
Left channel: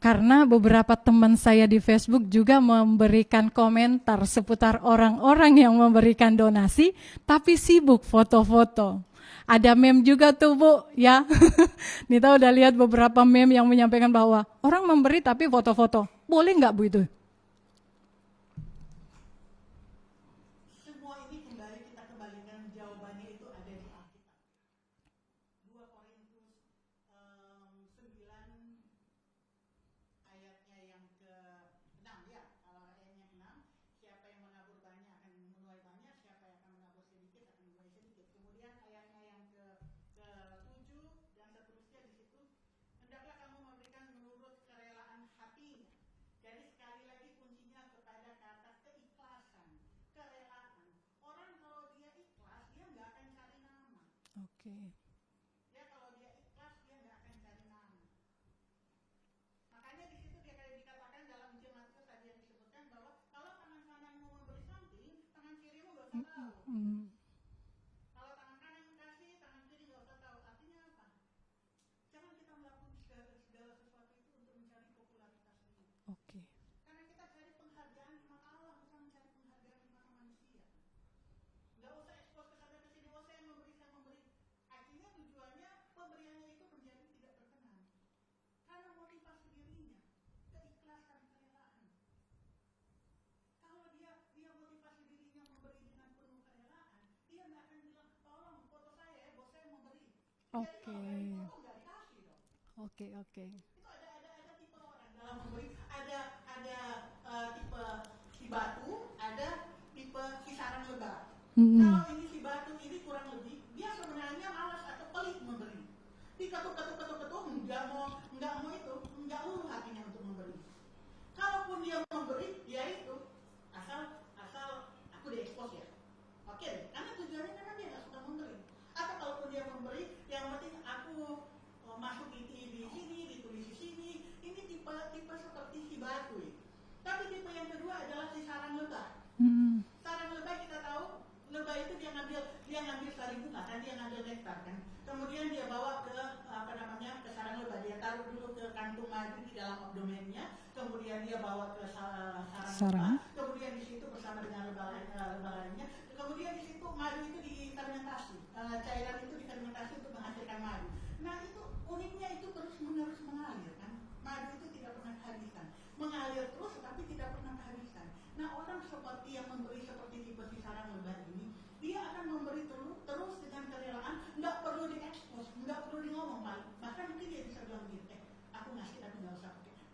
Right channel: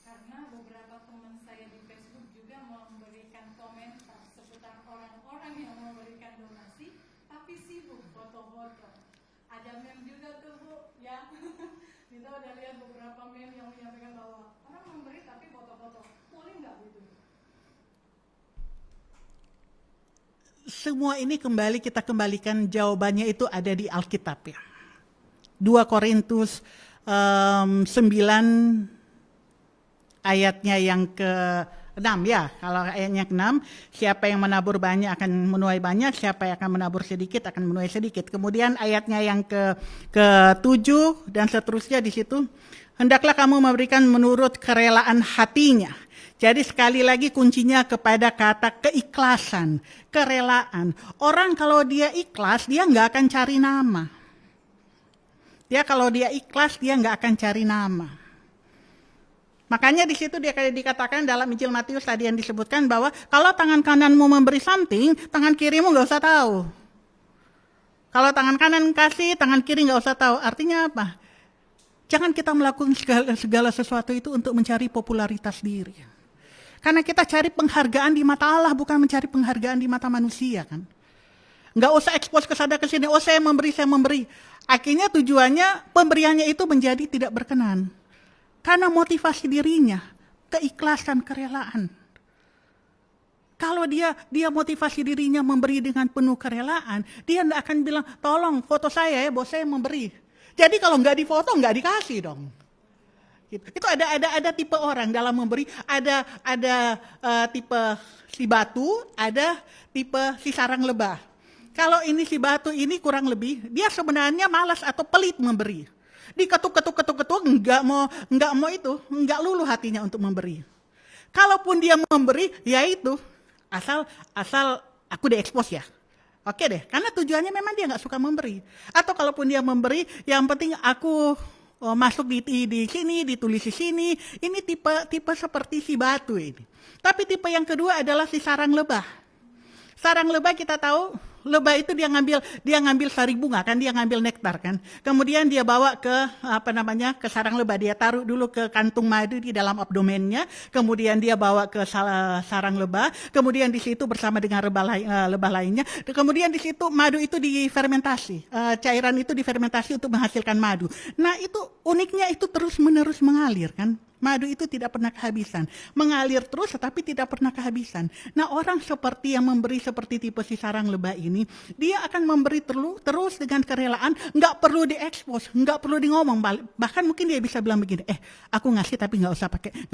Karena beberapa teman saya di Facebook juga memberikan komentar seputar orang-orang yang memberikan donasi tapi sibuk foto-foto. Ada meme juga tuh Bu, ya. Nita udah lihat beberapa meme yang menyampaikan bahwa orang memberi tapi foto-foto. Boleh nggak Bu itu? Semua ini kita kembalikan jawabannya itu ada di Alkitab ya. 2 Korintus 9 ayatnya yang ke-6 ya. Kalau ayatnya ke-6, siapa yang menabur banyak akan menuai banyak, siapa yang akan menabur sedikit akan menuai sedikit. Kemudian ayatnya yang ke-7 dan seterusnya di situ, hendaklah kamu memberikan menurut kerelaan hatinya. Jadi sekali lagi kuncinya kepada kata keikhlasan, kerelaan. Orang kalau dia ikhlas, dia nggak akan cari nama. Dia kalau dia ikhlas, dia nggak akan cari nama. Makanya di situ dia kayak dikatakan dalam Injil Matius tadi yang disebutkan bahwa kalau tangan kananmu memberi something, tangan kirimu nggak usah tahu. Kalau tangan kanan kasih, tangan kiri nggak usah tahu. Artinya apa? Jangan kita melakukan segala sesuatu itu untuk mencari popularitas diri. Karena kita cari penghargaan di mata Allah, bukan mencari penghargaan di mata manusia kan. Nggak usah ekspos ke sana ke sini, oh saya memberi. Akhirnya tujuannya pemberiannya itu menjadi tidak berkenan. Karena motivasi dirinya, keikhlasan, kerelaan. Kalau dia motivasi dirinya memberi dengan penuh kerelaan, dia tidak akan bilang, tolong foto saya ya, bos saya memberi. Jadi kalau nggak difoto, nggak dikasih dong. Itu ada tipe orang dalam memberi, ada tipe si batu, ada tipe si sarang lebah. Kalau ini si batu ini kurang lebih, dia sebenarnya malas atau pelit memberi. Diketuk enggak mau itu, enggak luluh hatinya untuk memberi. Kalaupun dia memberi, ya itu asal aku diekspos ya. Oke deh, karena tujuannya memang dia nggak suka memberi. Atau kalaupun dia memberi, yang penting aku masuk di sini, ditulis di sini. Ini tipe seperti si batu ini. Tapi tipe yang kedua adalah si sarang lebah. Sarang lebah kita tahu lebah itu dia ngambil sari bunga kan, dia ngambil nektar kan. Kemudian dia bawa ke ke sarang lebah, dia taruh dulu ke kantung madu di dalam abdomennya, kemudian dia bawa ke sarang lebah, kemudian di situ bersama dengan lebah lainnya, kemudian di situ madu itu difermentasi, cairan itu difermentasi untuk menghasilkan madu. Nah, itu uniknya itu terus-menerus mengalir kan. Madu itu tidak pernah kehabisan. Mengalir terus tetapi tidak pernah kehabisan. Nah, orang seperti yang memberi seperti tipe si sarang lebah ini, dia akan memberi terus dengan kerelaan, nggak perlu diekspos, nggak perlu di ngomong. Bahkan mungkin dia bisa bilang begini, aku ngasih tapi nggak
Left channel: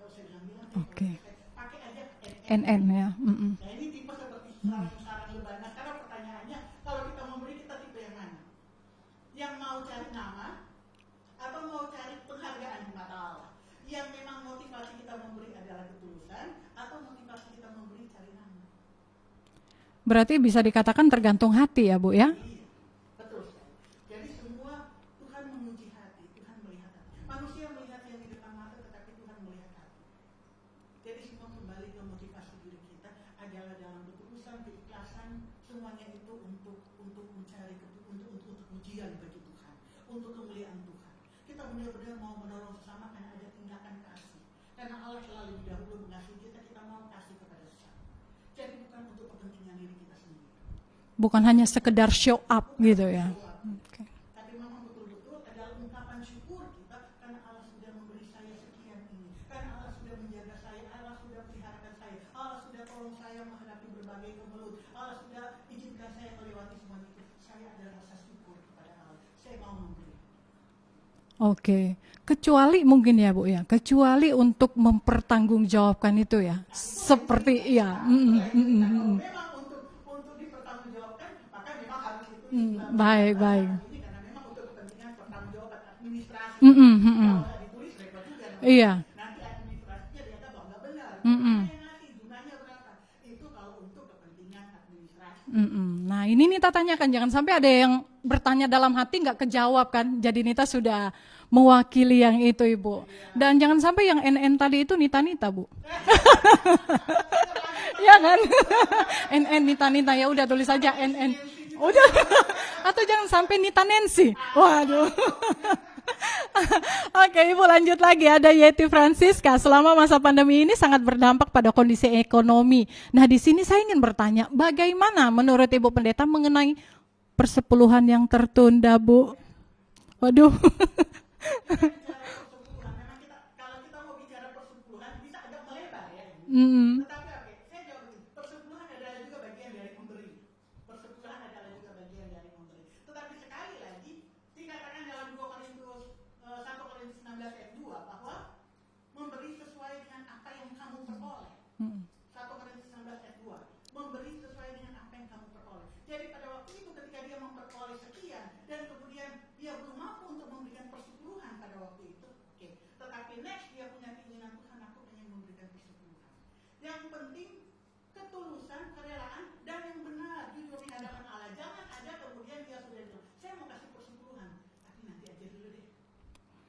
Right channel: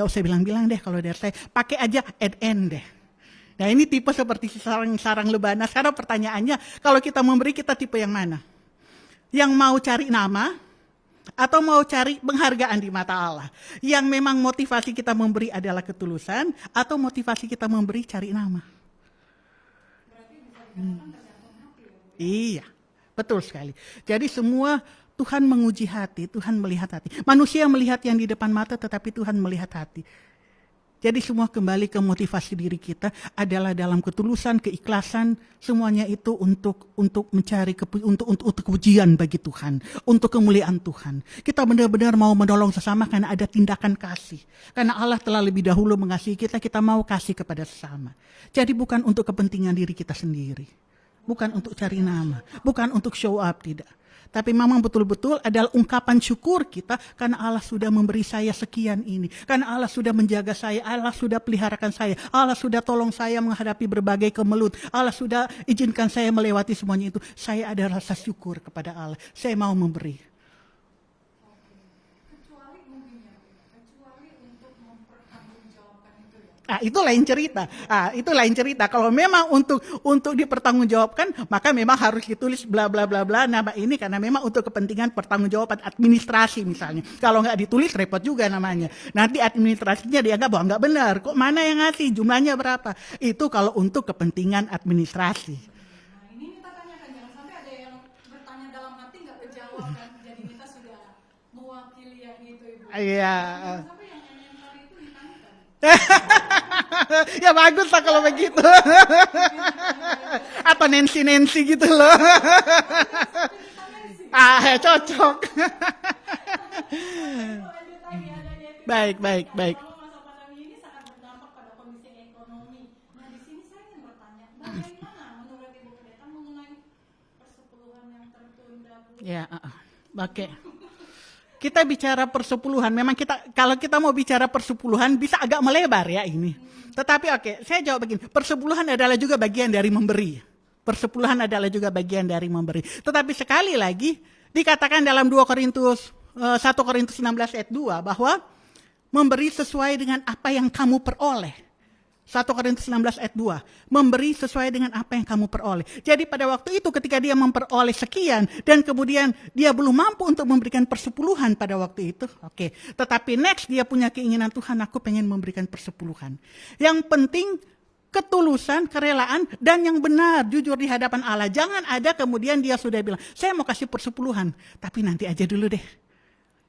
usah bilang-bilang deh kalau dari saya. Pakai aja add-in deh. Ya. Nah, ini tipe seperti si sarang lebah. Nah, sekarang pertanyaannya, kalau kita memberi, kita tipe yang mana? Yang mau cari nama, atau mau cari penghargaan di mata Allah? Yang memang motivasi kita memberi adalah ketulusan, atau motivasi kita memberi cari nama? Berarti bisa dikatakan tergantung hati ya Bu ya? Iya, betul sekali. Jadi semua Tuhan menguji hati, Tuhan melihat hati. Manusia melihat yang di depan mata, tetapi Tuhan melihat hati. Jadi semua kembali ke motivasi diri kita adalah dalam ketulusan, keikhlasan, semuanya itu untuk mencari untuk kepujian bagi Tuhan, untuk kemuliaan Tuhan. Kita benar-benar mau menolong sesama karena ada tindakan kasih. Karena Allah telah lebih dahulu mengasihi kita, kita mau kasih kepada sesama. Jadi bukan untuk kepentingan diri kita sendiri. Bukan hanya sekedar show up. Bukan gitu untuk ya? show up, tidak. Tapi memang betul-betul adalah ungkapan syukur kita karena Allah sudah memberi saya sekian ini. Karena Allah sudah menjaga saya, Allah sudah peliharakan saya, Allah sudah tolong saya menghadapi berbagai kemelut, Allah sudah izinkan saya melewati semuanya itu. Saya ada rasa syukur kepada Allah. Saya mau memberi. Oke. Kecuali mungkin ya Bu ya, kecuali untuk mempertanggungjawabkan itu ya. Itu lain Seperti- cerita. iya. Itu lain cerita. Kalau memang untuk dipertanggungjawabkan, maka memang harus ditulis bla bla bla bla Baik. nama ini karena memang untuk kepentingan pertanggungjawaban administrasi misalnya. Kalau nggak ditulis repot juga namanya. Iya. Nanti administrasinya dianggap bahwa nggak benar. Kok mana yang ngasih, jumlahnya berapa? Itu kalau untuk kepentingan administrasi. Nah ini Nita tanyakan, jangan sampai ada yang bertanya dalam hati nggak kejawab kan. Jadi Nita sudah mewakili yang itu Ibu. Iya. Dan jangan sampai yang NN tadi itu Nita Bu. Ya bagus lah kalau begitu. NN Nita ya udah tulis Atau aja Nancy gitu loh. Atau jangan sampai Nita Nancy. Cocok. Oke Ibu lanjut lagi, ada Yeti Baik, Francisca. baik. Selama masa pandemi ini sangat berdampak pada kondisi ekonomi. Nah di sini saya ingin bertanya, bagaimana menurut Ibu Pendeta mengenai persepuluhan yang tertunda Bu? Ya, Aduh. Kita bicara persepuluhan, memang kalau kita mau bicara persepuluhan bisa agak melebar ya ini. Tetapi saya jawab begini, persepuluhan adalah juga bagian dari memberi. Persepuluhan adalah juga bagian dari memberi. Tetapi sekali lagi dikatakan dalam 1 Korintus 16 ayat 2 bahwa memberi sesuai dengan apa yang kamu peroleh. 1 Korintus 16 ayat 2, memberi sesuai dengan apa yang kamu peroleh. Jadi pada waktu itu ketika dia memperoleh sekian dan kemudian dia belum mampu untuk memberikan persepuluhan pada waktu itu, tetapi next dia punya keinginan, Tuhan aku pengen memberikan persepuluhan. Yang penting ketulusan, kerelaan, dan yang benar, jujur di hadapan Allah. Jangan ada kemudian dia sudah bilang, saya mau kasih persepuluhan, tapi nanti aja dulu deh.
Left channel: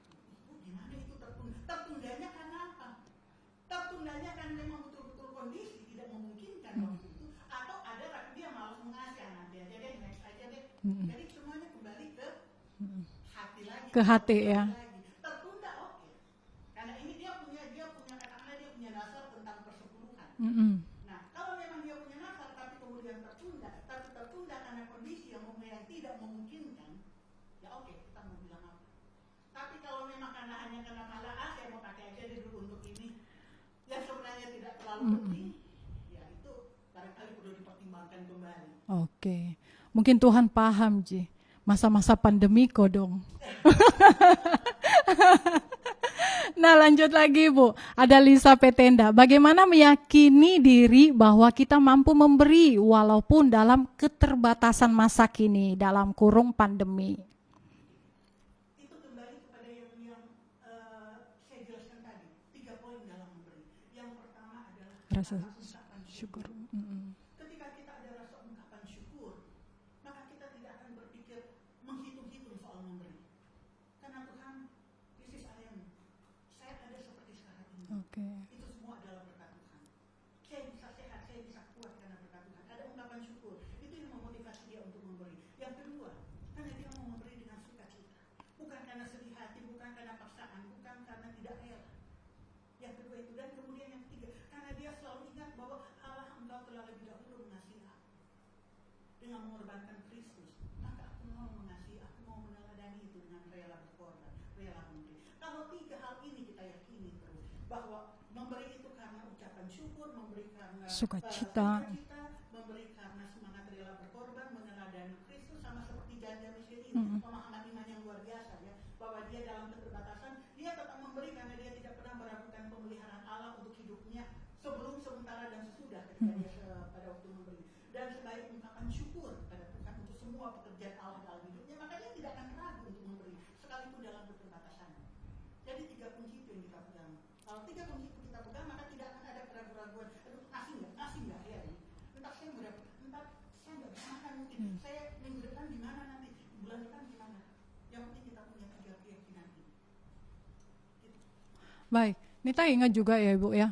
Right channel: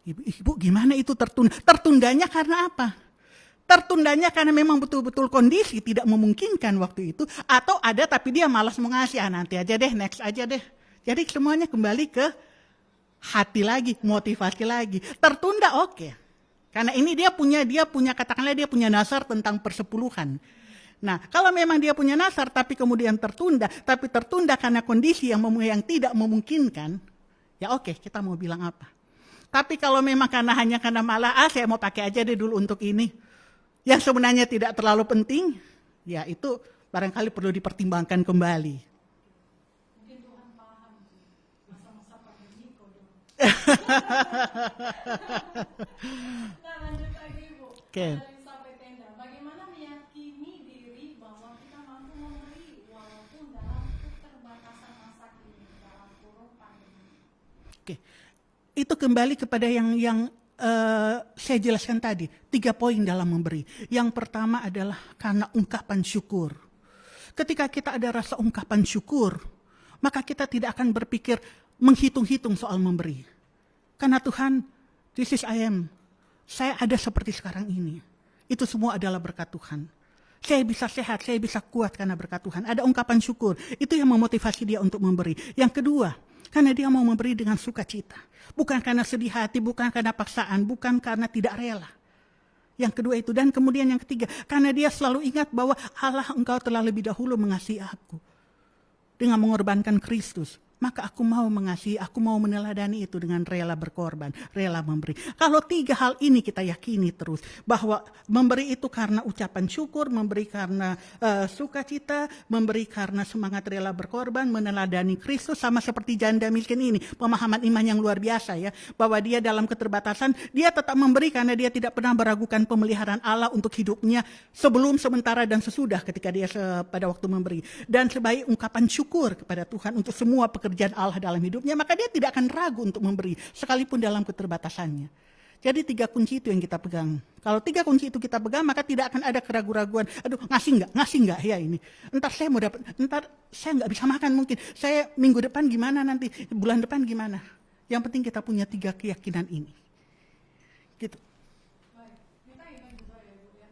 Ibu gimana itu tertunda? Tertundanya karena apa? Tertundanya karena memang betul-betul kondisi tidak memungkinkan waktu itu, atau ada tapi dia malas mengasih, nanti aja deh, next aja deh. Jadi semuanya kembali ke hati lagi, ke motivasi lagi. Tertunda karena ini dia punya katakanlah dia punya nasar tentang persepuluhan. Nah kalau memang dia punya nasar tapi kemudian tertunda karena kondisi yang tidak memungkinkan, ya kita mau bilang apa? Tapi kalau memang hanya karena malah saya mau pakai aja deh dulu untuk ini, yang sebenarnya tidak terlalu penting, ya itu barangkali perlu dipertimbangkan kembali. Mungkin Tuhan paham Ji, masa-masa pandemi kok dong. Nah lanjut lagi Bu, ada Lisa Petenda. Bagaimana meyakini diri bahwa kita mampu memberi walaupun dalam keterbatasan masa kini, dalam kurung pandemi? Itu kembali kepada yang saya jelaskan tadi, 3 poin dalam memberi. Yang pertama adalah karena ungkapan syukur. Ketika kita ada rasa ungkapan syukur, maka kita tidak akan berpikir menghitung-hitung soal memberi. Karena Tuhan, this is I am. Saya ada seperti sekarang ini. Itu semua adalah berkat Tuhan. Saya bisa sehat, saya bisa kuat karena berkat Tuhan. Ada ungkapan syukur. Itu yang memotivasi dia untuk memberi. Yang kedua, karena dia mau memberi dengan sukacita. Bukan karena sedih hati, bukan karena paksaan, bukan karena tidak rela. Yang kedua itu. Dan kemudian yang ketiga, karena dia selalu ingat bahwa Allah, engkau telah lebih dahulu mengasihi aku dengan mengorbankan Kristus. Maka aku mau mengasihi, aku mau meneladani itu dengan rela berkorban, rela memberi. Kalau 3 hal ini kita yakini terus, bahwa memberi itu karena ucapan syukur, memberi karena sukacita, memberi karena semangat rela berkorban, meneladani Kristus, sama seperti janda miskin ini, pemahaman iman yang luar biasa ya, bahwa dia dalam keterbatasan, dia tetap memberi karena dia tidak pernah meragukan pemeliharaan Allah untuk hidupnya sebelum, sementara, dan sesudah ketika dia pada waktu memberi. Dan sebagai ungkapan syukur kepada Tuhan untuk semua pekerjaan Allah dalam hidupnya, maka dia tidak akan ragu untuk memberi sekalipun dalam keterbatasannya. Jadi 3 kunci itu yang kita pegang. Kalau 3 kunci itu kita pegang, maka tidak akan ada keraguan-raguan. Aduh, ngasih enggak ya ini. Entar saya mau dapat, entar saya nggak bisa makan mungkin. Saya minggu depan gimana nanti, bulan depan gimana. Yang penting kita punya 3 keyakinan ini. Gitu. Baik. Nita ingat juga ya Ibu ya,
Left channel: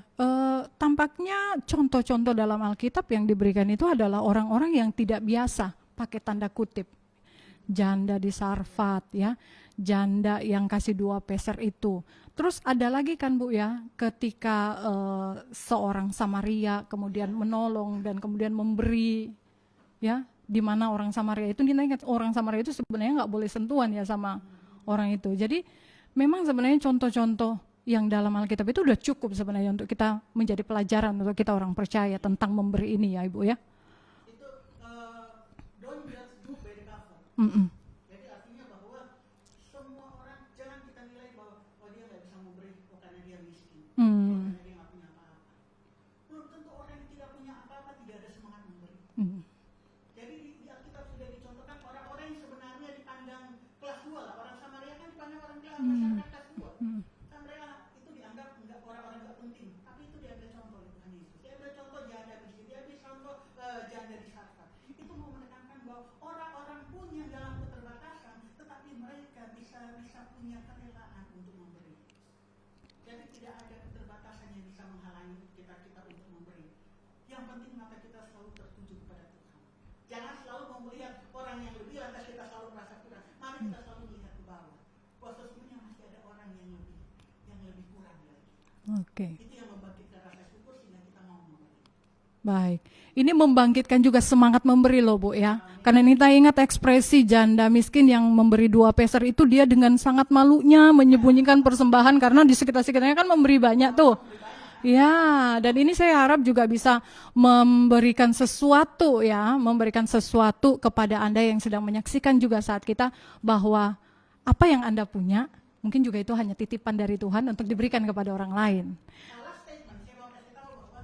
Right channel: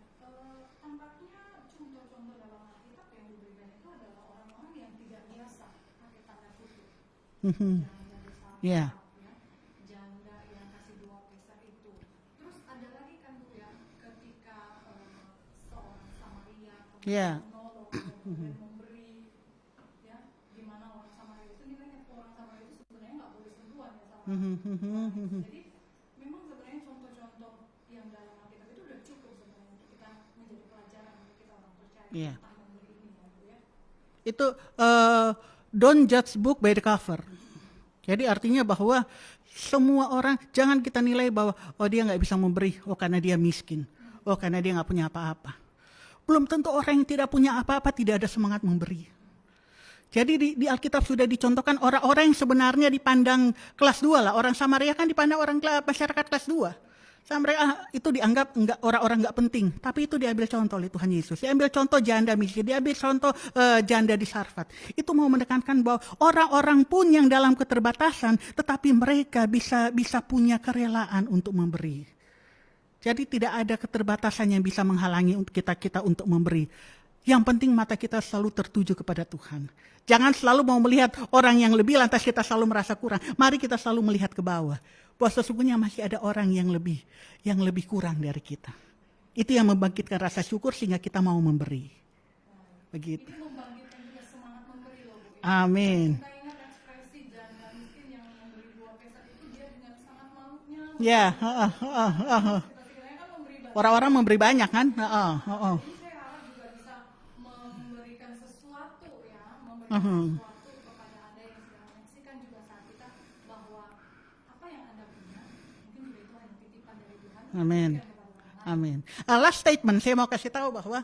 tampaknya contoh-contoh dalam Alkitab yang diberikan itu adalah orang-orang yang tidak biasa, pakai tanda kutip. Janda di Sarfat ya, janda yang kasih 2 peser itu. Terus ada lagi kan Bu ya, ketika seorang Samaria kemudian menolong dan kemudian memberi ya, di mana orang Samaria itu, kita ingat orang Samaria itu sebenarnya nggak boleh sentuhan ya sama orang itu. Jadi memang sebenarnya contoh-contoh yang dalam Alkitab itu udah cukup sebenarnya untuk kita menjadi pelajaran untuk kita orang percaya tentang memberi ini ya Ibu ya. Itu don't judge book by the cover. Jadi artinya bahwa semua orang, jangan kita nilai bahwa oh dia nggak bisa memberi, oh karena dia miskin, oh karena dia nggak punya apa-apa. Belum tentu orang yang tidak punya apa-apa tidak ada semangat memberi. Jadi di Alkitab sudah dicontohkan orang-orang yang sebenarnya dipandang kelas 2 lah. Orang Samaria kan dipandang orang masyarakat kelas 2. Samaria itu dianggap orang-orang nggak penting. Tapi itu diambil contoh oleh Tuhan Yesus. Diambil contoh janda miskin, diambil contoh janda di Sarfat. Itu mau menekankan bahwa orang-orang pun yang dalam keterbatasan, tetapi mereka bisa punya kerelaan untuk memberi. Jadi tidak ada keterbatasan yang bisa menghalangi untuk kita untuk memberi. Yang penting mata kita selalu tertuju kepada Tuhan. Jangan selalu mau melihat orang yang lebih lantas kita selalu merasa kurang. Mari kita selalu melihat ke bawah. Bahwa sesungguhnya masih ada orang yang lebih kurang dari kita. Itu yang membangkitkan rasa syukur sehingga kita mau memberi. Baik. Begitu. Ini membangkitkan juga semangat memberi loh Bu ya. Amin. Karena Nita ingat ekspresi janda miskin yang memberi 2 peser itu, dia dengan sangat malunya menyembunyikan persembahan karena di sekitar-sekitarnya kan memberi banyak orang-orang tuh. memberi banyak kan. Ya, dan ini saya harap juga bisa memberikan sesuatu ya, memberikan sesuatu kepada Anda yang sedang menyaksikan juga saat kita, bahwa apa yang Anda punya mungkin juga itu hanya titipan dari Tuhan untuk diberikan kepada orang lain. Amin. Last statement saya mau kasih tahu bahwa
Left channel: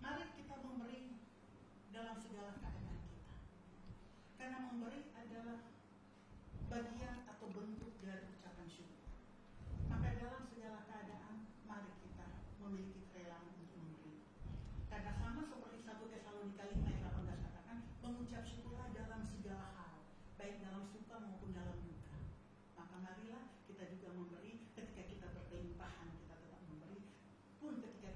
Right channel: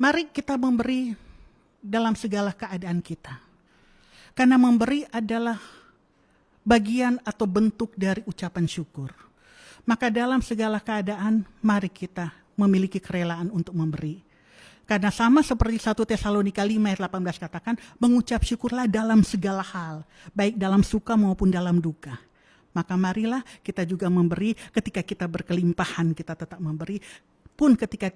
mari kita memberi dalam segala keadaan kita. Karena memberi adalah bagian atau bentuk dari ucapan syukur. Maka dalam segala keadaan mari kita memiliki kerelaan untuk memberi. Karena sama seperti 1 Tesalonika 5 ayat 18 katakan, mengucap syukurlah dalam segala hal, baik dalam suka maupun dalam duka. Maka marilah kita juga memberi, ketika kita berkelimpahan kita tetap memberi. Pun ketika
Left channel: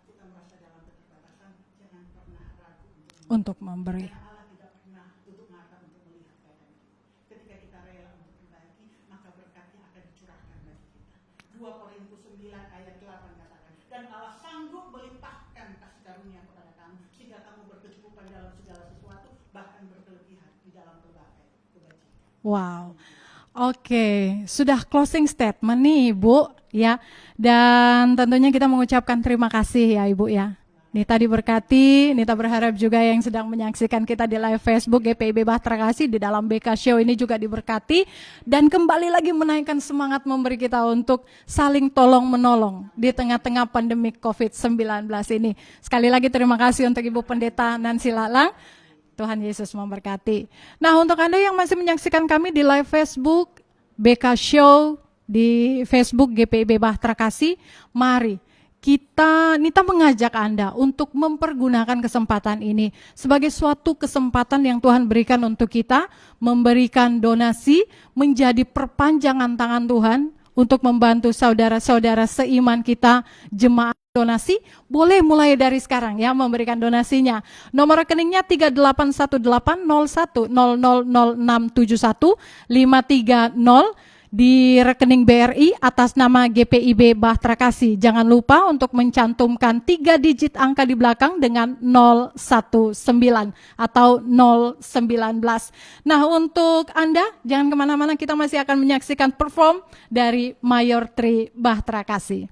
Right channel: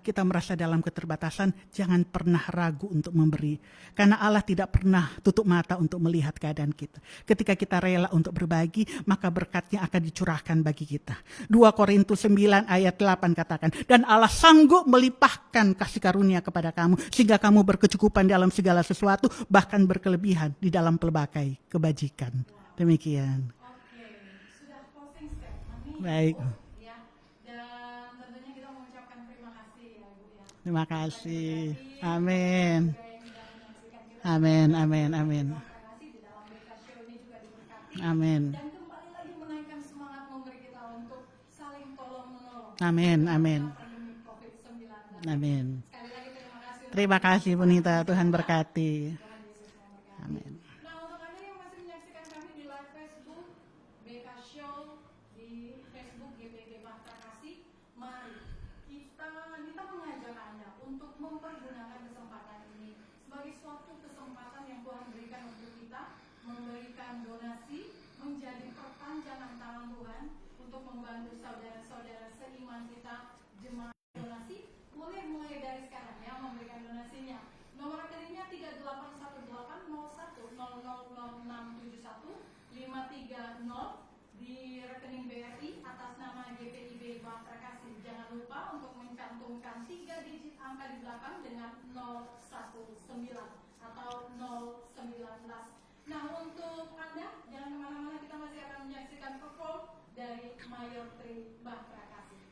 kita merasa dalam keterbatasan, jangan pernah ragu untuk memberi. Karena Allah tidak pernah tutup mata untuk melihat keadaan kita. Ketika kita rela untuk berbagi, maka berkatnya akan dicurahkan bagi kita. 2 Korintus 9 ayat 8 katakan, dan Allah sanggup melimpahkan kasih karunia kepada kamu, sehingga kamu berkecukupan dalam segala sesuatu, bahkan berkelebihan di dalam pelbagai kebajikan. Wow. Demikian. Oke, sudah closing statement nih Ibu ya. Dan tentunya kita mengucapkan terima kasih ya Ibu ya. Terima kasih. Nita diberkati. Amin. Nita berharap juga yang sedang menyaksikan kita di live Facebook GPIB Bahtera Kasih di dalam BK Show ini juga diberkati. Amin. Dan kembali lagi menaikkan semangat memberi kita untuk saling tolong menolong di tengah-tengah pandemi COVID-19 ini. Sekali lagi terima kasih untuk Ibu Pendeta Nancy Lala. Tuhan Yesus memberkati. Nah, untuk Anda yang masih menyaksikan kami di live Facebook BK Show, di Facebook GPIB Bahtera Kasih, mari Nita mengajak Anda untuk mempergunakan kesempatan ini sebagai suatu kesempatan yang Tuhan berikan untuk kita memberikan donasi, menjadi perpanjangan tangan Tuhan untuk membantu saudara-saudara seiman kita, jemaat donasi, boleh mulai dari sekarang ya memberikan donasinya. Nomor rekeningnya 381801000671 di rekening BRI atas nama GPIB Bahtera Kasih. Jangan lupa untuk mencantumkan 3 digit angka di belakang dengan 019 atau 019. Nah, untuk Anda jangan kemana-mana, kita masih akan menyaksikan perform dari Mayor Tri Bahtera Kasih.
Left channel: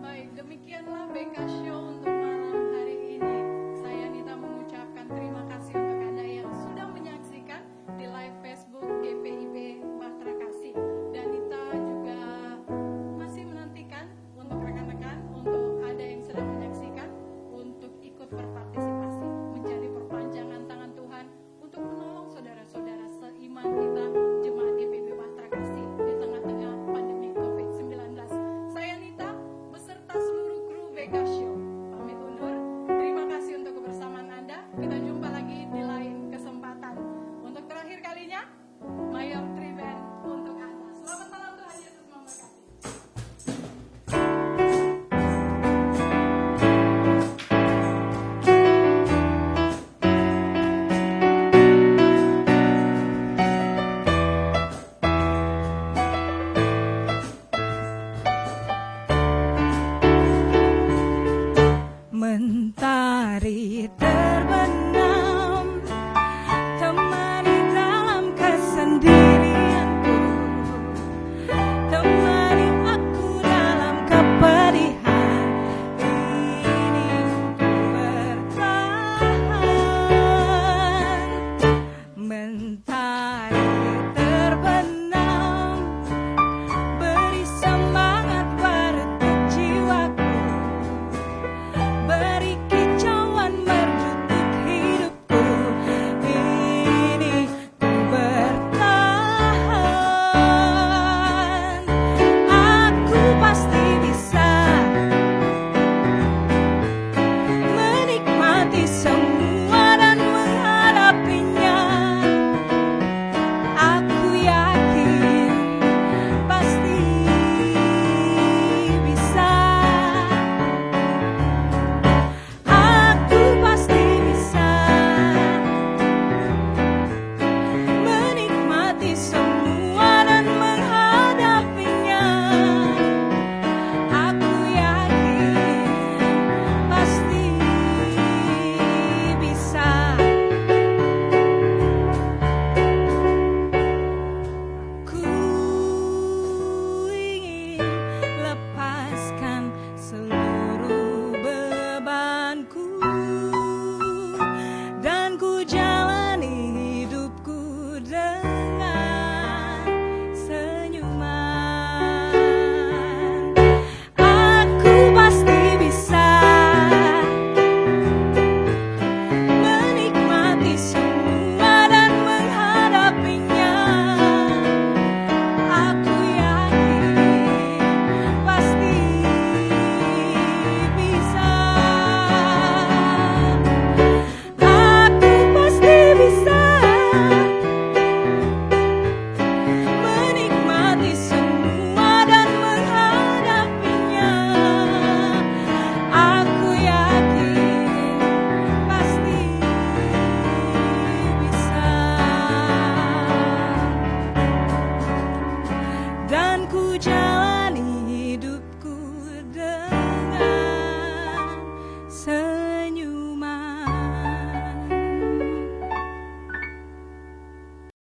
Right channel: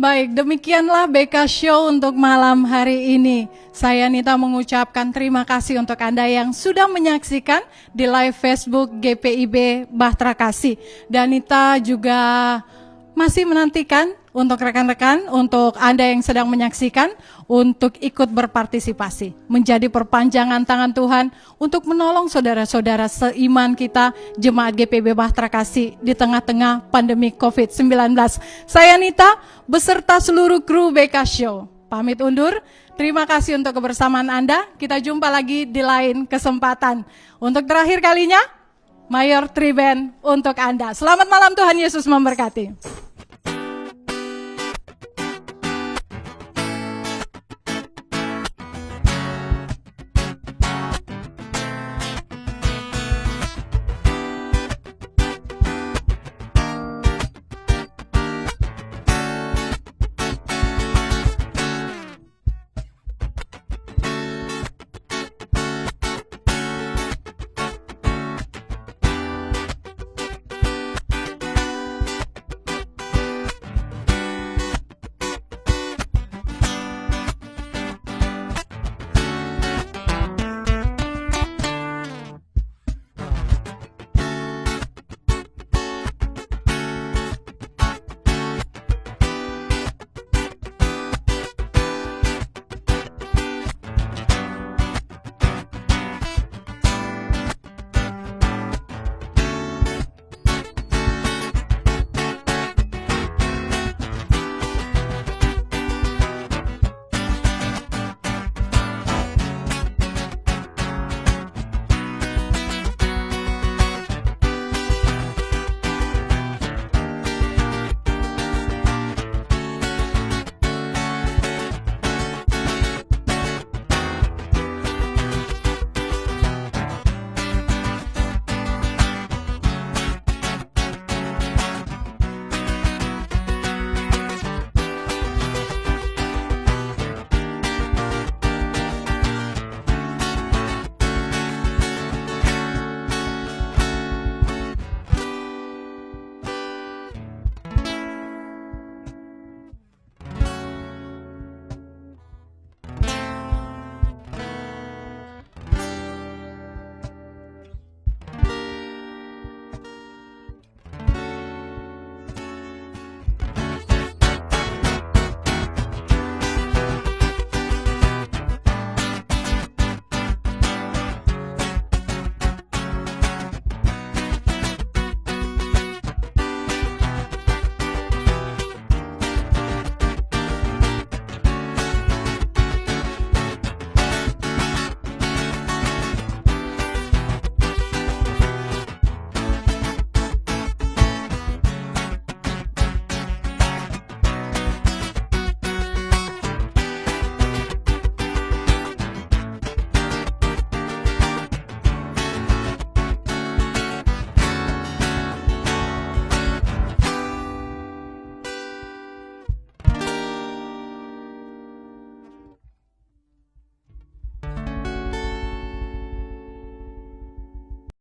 Baik, demikianlah BK Show untuk malam hari ini. Saya Nita mengucapkan terima kasih untuk Anda yang sudah menyaksikan di live Facebook GPIB Bahtera Kasih. Dan Nita juga masih menantikan untuk rekan-rekan, untuk Anda yang sedang menyaksikan, untuk ikut berpartisipasi, menjadi perpanjangan tangan Tuhan untuk menolong saudara-saudara seiman kita, Jemaat GPIB Bahtera Kasih di tengah-tengah pandemi COVID-19. Saya Nita beserta seluruh kru BK Show pamit undur. Terima kasih untuk kebersamaan Anda. Kita jumpa lagi di lain kesempatan. Untuk terakhir kalinya, Mayor Triben untuk Anda. Selamat malam, Tuhan Yesus memberkati.